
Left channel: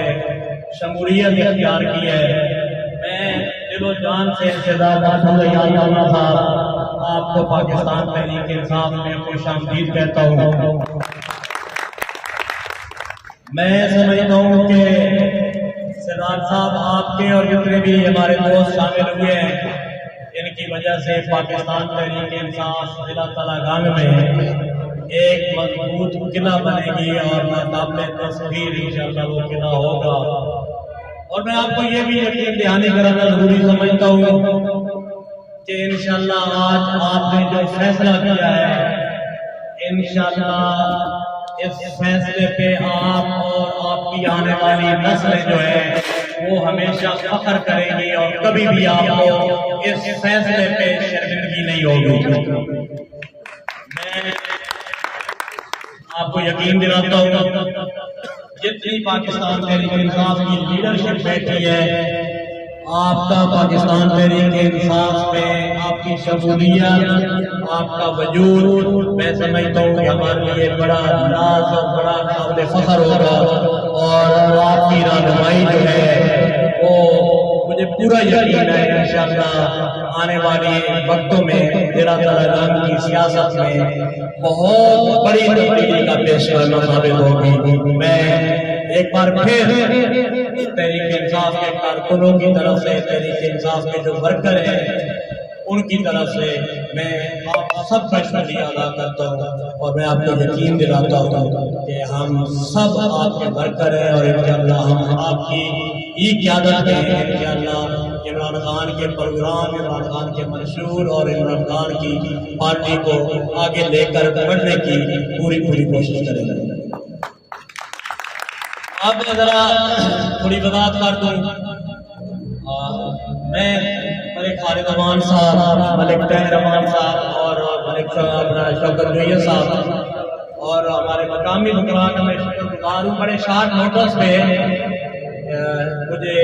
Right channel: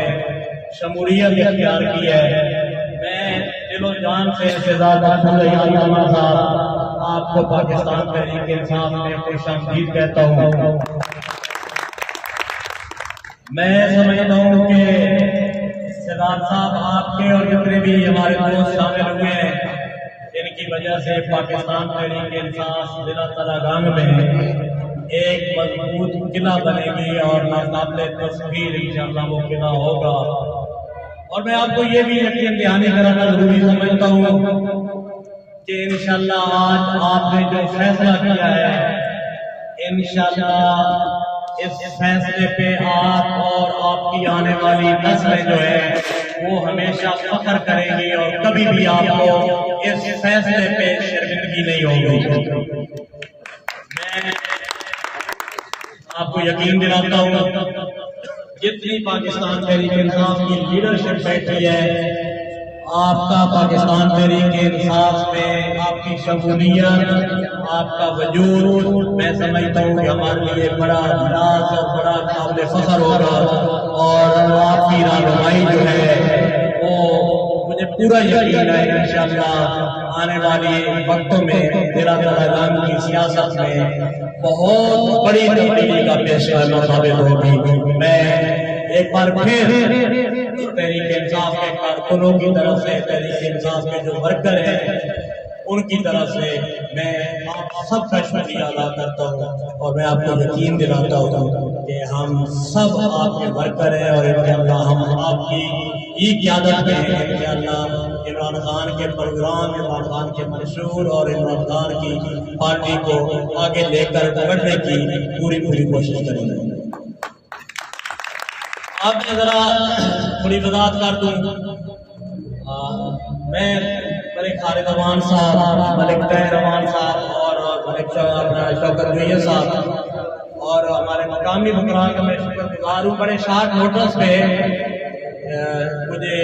شمولیت اختیار کی ہے۔ میں دل و جان سے انتظار صاحب آپ کو پاکستان تحریک انصاف میں خوش آمدید کہتا ہوں۔ میں سمجھتا ہوں کہ سردار صاحب آپ کے اور جتنے بھی ہمارے دوست شامل ہوئے ہیں، ان کی وجہ سے پاکستان تحریک انصاف ضلع تلنگانہ میں ایک مضبوط قلعہ بنے گی اور ناقابل تصویر انشاءاللہ وہ قلعہ ہوگا۔ اور میں آپ کو یہ بھی یقین دہانی کرانا ضروری سمجھتا ہوں کہ انشاءاللہ آج آپ نے جو فیصلہ کیا ہے، انشاءاللہ اس فیصلے پہ آپ اور آپ کی آنے والی نسلیں جو ہے وہ ہمیشہ فخر کریں گی اور کبھی بھی آپ کو اس فیصلے پہ شرمندگی نہیں ہوگی۔ میں آپ کو یقین دلاتا ہوں جتنی پاکستان تحریک انصاف کی لیڈرشپ بیٹھی ہے، آپ کا پاکستان تحریک انصاف میں آپ کی شمولیت، آپ کا وجود، میں سمجھتا ہوں کہ ہمارے لیے بڑا ناز اور بڑا قابل فخر ہوگا، اور آپ کی رہنمائی جو ہے وہ مجھے پورا یقین ہے انشاءاللہ آنے والے وقتوں میں ضلع تلنگانہ کی سیاست میں بہت بڑی تبدیلی کا پیش کرنا ثابت ہوگی۔ میں ایک بار پھر تحریک انصاف کے کارکنوں کی طرف سے، تحریک انصاف کے جو ورکر ہیں ان کی طرف سے میں آپ سب کا شکریہ ادا کرتا ہوں، اور میں آپ کو یقین دلاتا ہوں کہ ہم سب آپ کے ورکر ہیں اور انشاءاللہ ہم آپ کی ہی قیادت میں ہیں۔ انشاءاللہ عمران خان کے پروگرام، عمران خان کے منشور اور عمران خان کی پارٹی کو آگے لے کر بڑھنے کی پوری کوشش کریں گے۔ اب میں ذرا تھوڑی وضاحت کر دوں، میں ملک خالد امان صاحب، ملک طاہر امان صاحب اور ملک شوکت جویہ صاحب اور ہمارے مقامی حکمران کا میں شکر گزار ہوں۔ بڑے شارٹ نوٹس پہ مجھے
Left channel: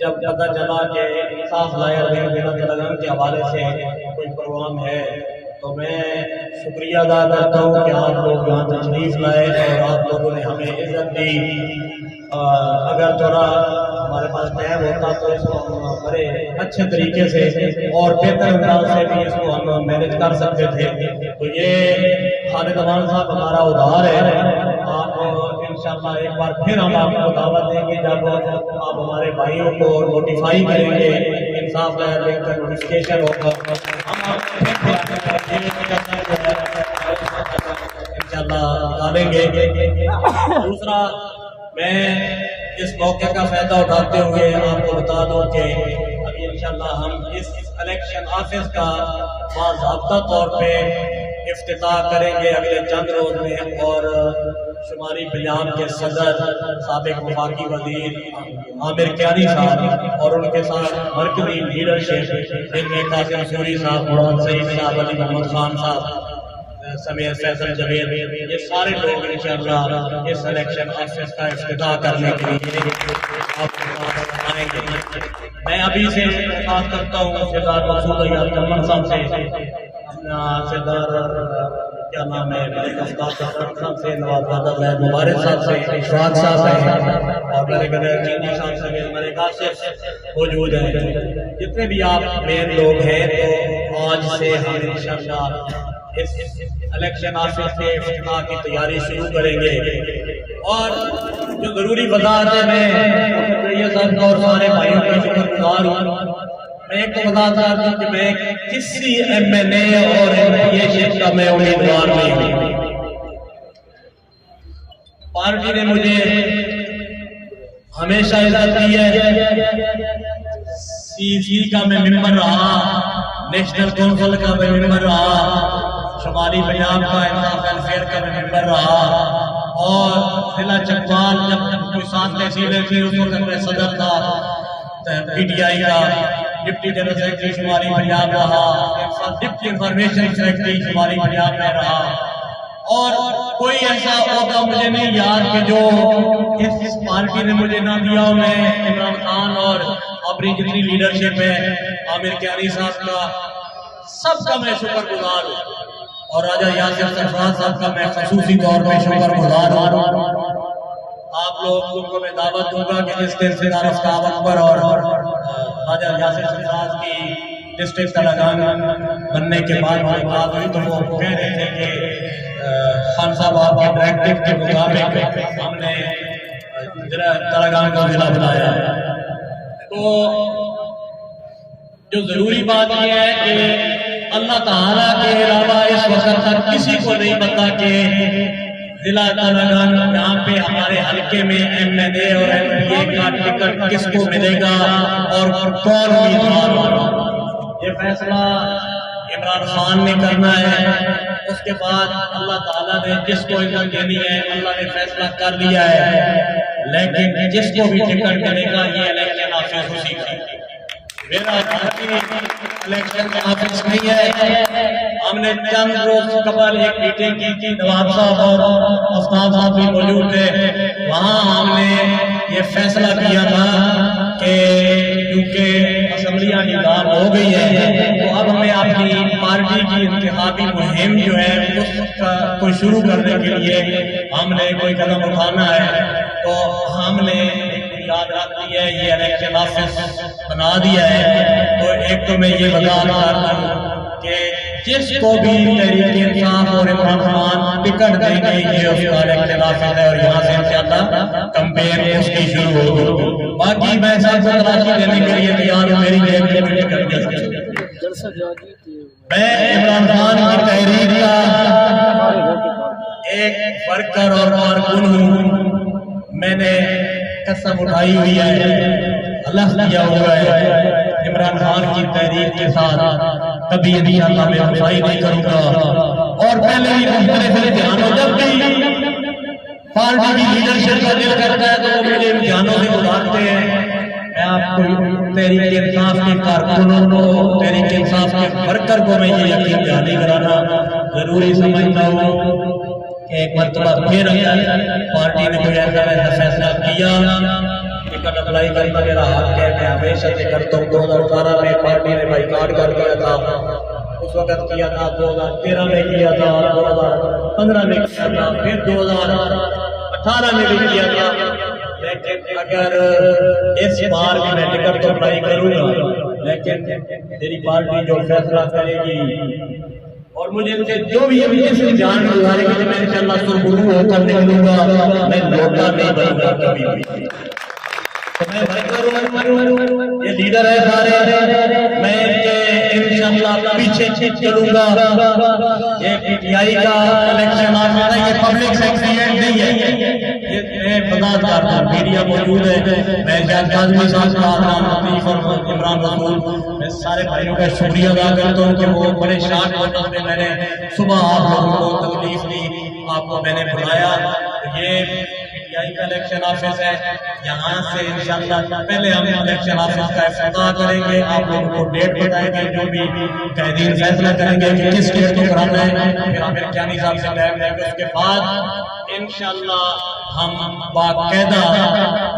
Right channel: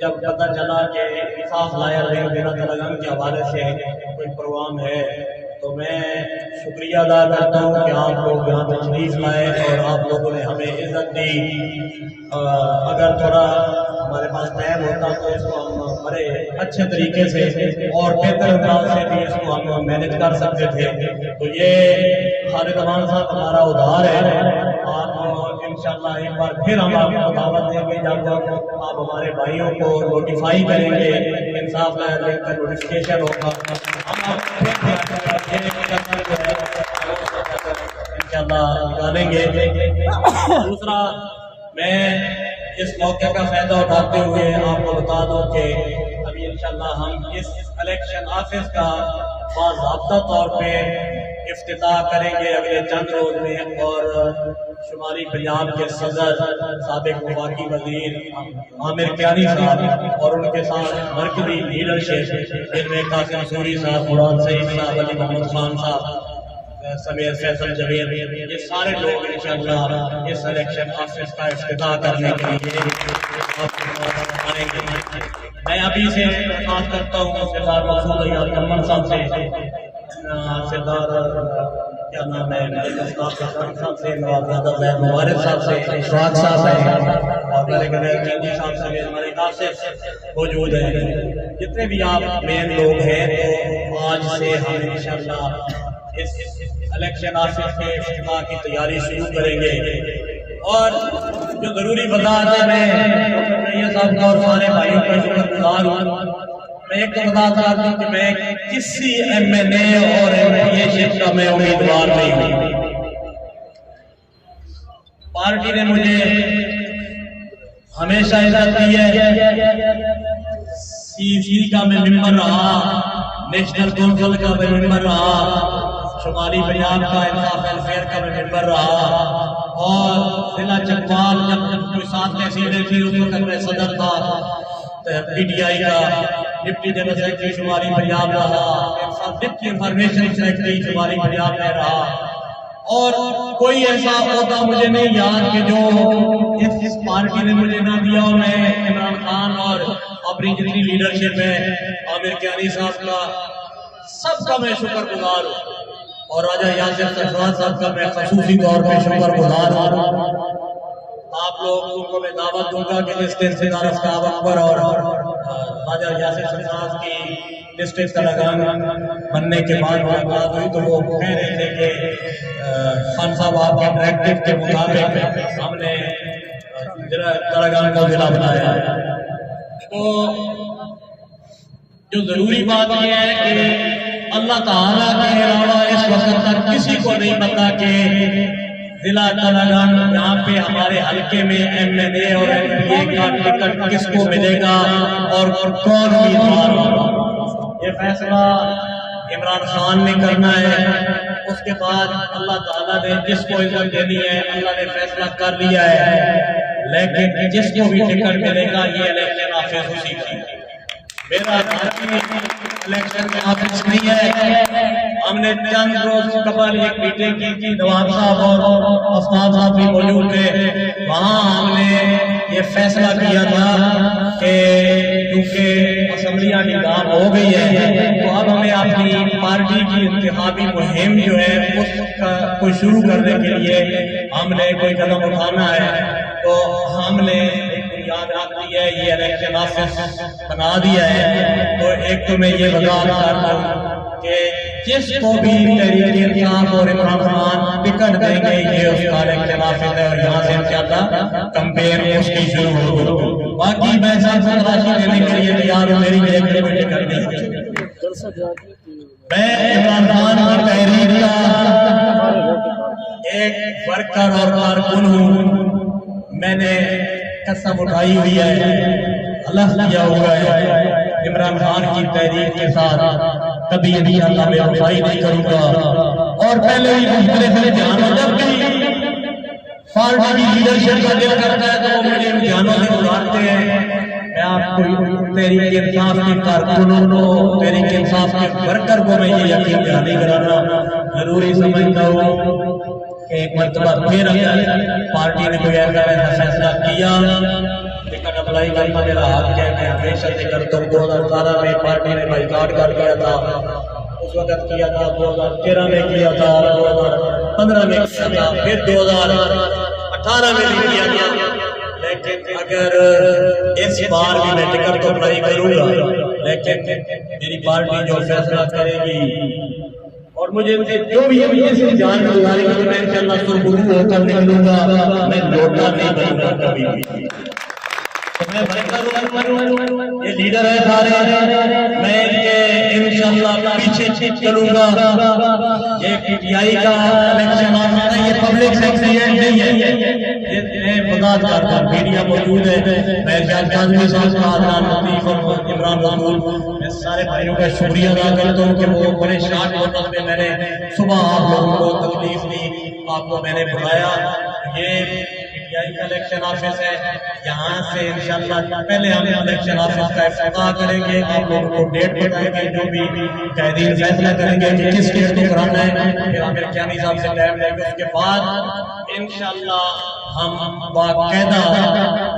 جب پتہ چلا کہ انصاف لائر ضلع تلنگانہ کے حوالے سے کوئی پروگرام ہے تو میں شکریہ ادا کرتا ہوں کہ آپ لوگ یہاں تشریف لائے اور آپ لوگوں نے ہمیں عزت دی۔ اگر تھوڑا ہمارے پاس ٹائم ہوتا تو اس کو ہم بڑے اچھے طریقے سے اور بہتر انداز سے بھی اس کو ہم مینج کر سکتے تھے۔ تو یہ خالد امان صاحب ہمارا ادھار ہے، آپ انشاءاللہ ایک بار پھر ہم آپ کو دعوت دیں گے جب آپ ہمارے بھائیوں کو نوٹیفائی کریں گے، انصاف لائر کا نوٹیفیکیشن ہوگا، ہم انشاءاللہ نکالیں گے۔ دوسرا، میں اس موقع کا فائدہ اٹھاتے ہوئے آپ کو بتا دوں کہ ابھی انشاءاللہ ہم اس الیکشن آفس کا باضابطہ طور پہ افتتاح کریں گے اگلے چند روز میں، اور شمالی پنجاب کے صدر سابق وفاقی وزیر عامر کیانی صاحب اور ان کے ساتھ مرکزی لیڈرشپ جن میں قاسم سوری صاحب، مراد سعید صاحب، علی محمد خان صاحب سمیت فیصل جوید، یہ سارے لوگ انشاءاللہ اس الیکشن آفس کا افتتاح کرنے کے لیے آئیں گے۔ میں ابھی سے درخواست کرتا ہوں سردار مسعود ایاز قمر صاحب سے، سردار کیا نام ہے ملک افطار صاحب سے، نواب زادہ زید مبارک صاحب سے، اشفاق صاحب سے اور ملک چینی صاحب سے، ملک آصف موجود ہیں۔ جتنے بھی آپ مین لوگ ہیں تو آج سے ہم انشاءاللہ اس الیکشن آفس کے افتتاح کی تیاری شروع کریں گے، اور جو ضروری وضاحت ہے، میں ڈاکٹر جویہ صاحب کا اور سارے بھائیوں کا شکر گزار ہوں میں ایک تو وضاحت کر دوں کہ میں کسی MNA اور MPA شپ کا میں امیدوار نہیں ہوں. پارٹی نے مجھے ہمیشہ عزت دی ہے. CC کا میں ممبر رہا, نیشنل کونسل کا میں ممبر رہا, شمالی پنجاب کا انصاف ویلفیئر کا میں ممبر رہا, اور ضلع چکوال جب کوئی 7 تحصیلیں تھی اس وقت میں صدر تھا PTI کا, ڈپٹی جنرل سیکرٹری شمالی پنجاب رہا, ڈپٹی انفارمیشن سیکرٹری شمالی پنجاب میں رہا, اور کوئی ایسا عہدہ مجھے نہیں یاد کہ جو اس پارٹی نے مجھے نہ دیا ہو. میں عمران خان اور اپنی جتنی لیڈرشپ ہے, عامر کیانی صاحب کا, سب کا میں شکر گزار ہوں, اور راجہ یاسر سرفراز صاحب کا میں خصوصی طور پہ شکر گزار ہوں. آپ لوگوں کو میں دعوت دوں گا کہ جس دن سردار آفتاب اکبر اور راجہ یاسر سرفراز کی ڈسٹرکٹ تلنگان بننے کے بعد ملاقات ہوئی تو وہ کہہ رہے تھے کہ خان صاحب آپ کے ڈائریکٹیو کے مطابق ہم نے تلنگان کو ضلع بنایا ہے. تو جو ضروری بات یہ ہے کہ اللہ تعالیٰ کے علاوہ اس وقت تک کسی کو نہیں پتا کہ ضلع تلنگان یہاں پہ ہمارے حلقے میں MNA اور MPA کا ٹکٹ کس کو ملے گا اور کون امیدوار ہوگا. یہ فیصلہ عمران خان نے کرنا ہے. اس کے بعد اللہ تعالیٰ نے جس کو عزت دینی ہے اللہ نے فیصلہ کر لیا ہے, لیکن جس کو بھی ٹکٹ ملے گا یہ الیکشن آفس اسی کا. میرا الیکشن میں آفس نہیں ہے. ہم نے چند روز قبل ایک میٹنگ کی تھی, نواب صاحب اور آفتاب صاحب بھی موجود تھے. وہاں ہم نے یہ فیصلہ کیا تھا کہ کیونکہ اسمبلیاں نظام ہو گئی ہے تو اب ہمیں اپنی پارٹی کی انتخابی مہم جو ہے اس کو شروع کرنے کے لیے ہم نے کوئی قدم اٹھانا ہے. تو ہم نے یاد رکھ دی ہے, یہ الیکشن آفس بنا دیا ہے. تو ایک تو میں یہ وضاحت کر دوں کہ جس کو بھی تحریک انصاف اور عمران خان ٹکٹ دیں گے یہ اس کا الیکشن آفس ہے, اور یہاں سے انشاءاللہ کمپین اس کی شروع ہوگی. باقی میں سب سے تلاشی دینے کے لیے تیار ہوں, میری جیب میں کوئی ٹکٹ نہیں ہے. میں عمران خان کی تحریک کا ایک ورکر اور کارکن ہوں. میں نے قسم اٹھائی ہوئی ہے, اللہ کیا ہوا ہے, عمران خان کی تحریک کے ساتھ کبھی انشاءاللہ میں وفائی نہیں کروں گا. اور پہلے ہی مختلف امتحانوں جب بھی پارٹی کی لیڈرشپ کا دل کرتا ہے تو وہ مجھے امتحانوں سے گزارتے ہیں. میں آپ کو تحریک انصاف کے کارکنوں کو, تحریک انصاف کے ورکر کو میں یہ یقین دہانی کرانا ضروری سمجھتا ہوں کہ ایک مرتبہ پھر پارٹی نے کوئی ایسا فیصلہ کیا, ٹکٹ اپلائی کرنا میرا حق ہے, میں ہمیشہ سے کرتا ہوں. 2018 میں پارٹی نے بائیکاٹ کر دیا تھا, اس وقت کیا تھا, 2013 میں کیا تھا, 2015 میں کیا تھا, پھر 2018 میں بھی کیا تھا. لیکن اگر اس بار بھی میں ٹکٹ تو اپلائی کروں گا, لیکن میری پارٹی جو فیصلہ کرے گی اور مجھے جو بھی جان گزارے گی میں انشاءاللہ سرخرو ہو کر نکلوں گا, میں لوٹا نہیں بنوں گا کبھی بھی. میں ورکر ہوں, یہ لیڈر ہے سارے, میں انشاءاللہ پیچھے چلوں گا. یہ PTI کا الیکشن آفس ہے, یہ پبلک سیکریٹریٹ نہیں ہے. میں وضاحت کرتا ہوں, میڈیا موجود ہے, میں شاہد کاظمی صاحب کا, عدنان لطیف اور عمران رسول, میں سارے بھائیوں کا شکریہ ادا کرتا ہوں کہ وہ بڑے شارٹ نوٹس میں میں نے صبح آپ لوگوں کو تکلیف دی, آپ کو میں نے بتایا. یہ PTI کا الیکشن آفس ہے, یہاں سے انشاءاللہ پہلے ہم الیکشن آفس کا افتتاح کریں گے, آپ لوگوں کو ڈیٹ بتائیں گے, جو بھی قائدین فیصلہ کریں گے کہ کس ڈیٹ کو کرانا ہے, پھر عامر کیانی صاحب سے ٹائم لیں گے. اس کے بعد انشاءاللہ ہم باقاعدہ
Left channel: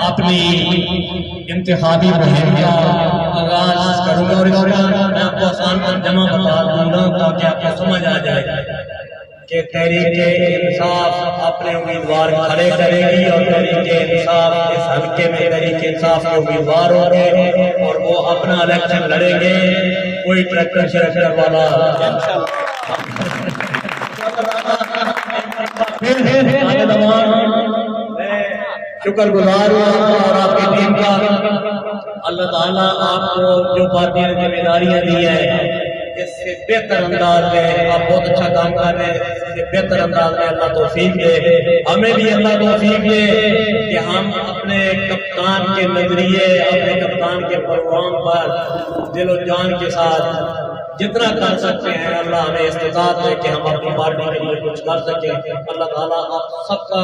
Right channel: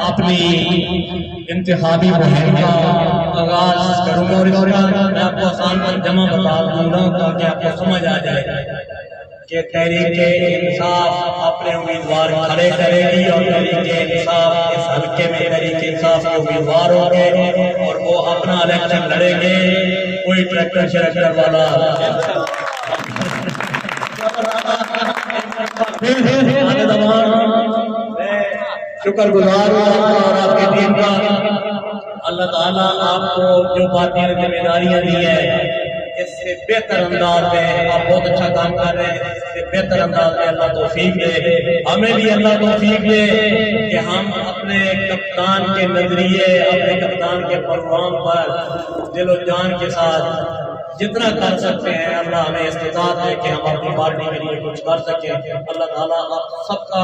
اپنی انتخابی مہم کا آغاز کروں گا. اور اس کا میں آپ کو آسان ترجمہ بتا دوں گا تاکہ آپ کو سمجھ آ جائے کہ تحریک انصاف اپنے امیدوار کھڑے کرے گی, اور تحریک انصاف اس حلقے میں تحریک انصاف کے امیدوار ہوں گے اور وہ اپنا الیکشن لڑیں گے. کوئی ٹریکٹر شریکٹر والا شکر گزار ہوں اور آپ کی ٹیم کا. اللہ تعالیٰ آپ کو جو پارٹی نے ذمہ داریاں دی ہے اس سے بہتر انداز میں آپ بہت اچھا کام کر رہے ہیں، اس سے بہتر انداز میں اللہ توفیق دے، ہمیں بھی اللہ توفیق دے کہ ہم اپنے کپتان کے نظریے، اپنے کپتان کے پروگرام پر دل و جان کے ساتھ جتنا کر سکتے ہیں اللہ ہمیں استطاعت ہے کہ ہم اپنی پارٹی کے لیے کچھ کر سکیں۔ اللہ تعالیٰ آپ سب کا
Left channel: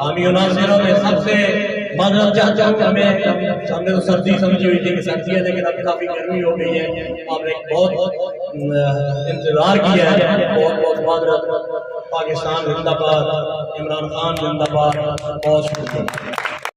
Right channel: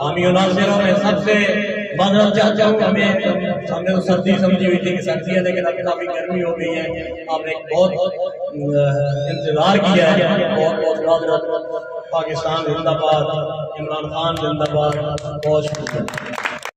حامی و ناصر ہو۔ میں سب سے معذرت چاہتا ہوں، ہم نے تو سردی سمجھی ہوئی تھی کہ سردی ہے، لیکن اب کافی گرمی ہو گئی ہے، آپ نے بہت انتظار کیا ہے، بہت بہت معذرت۔ پاکستان زندہ باد، عمران خان زندہ باد، بہت شکریہ۔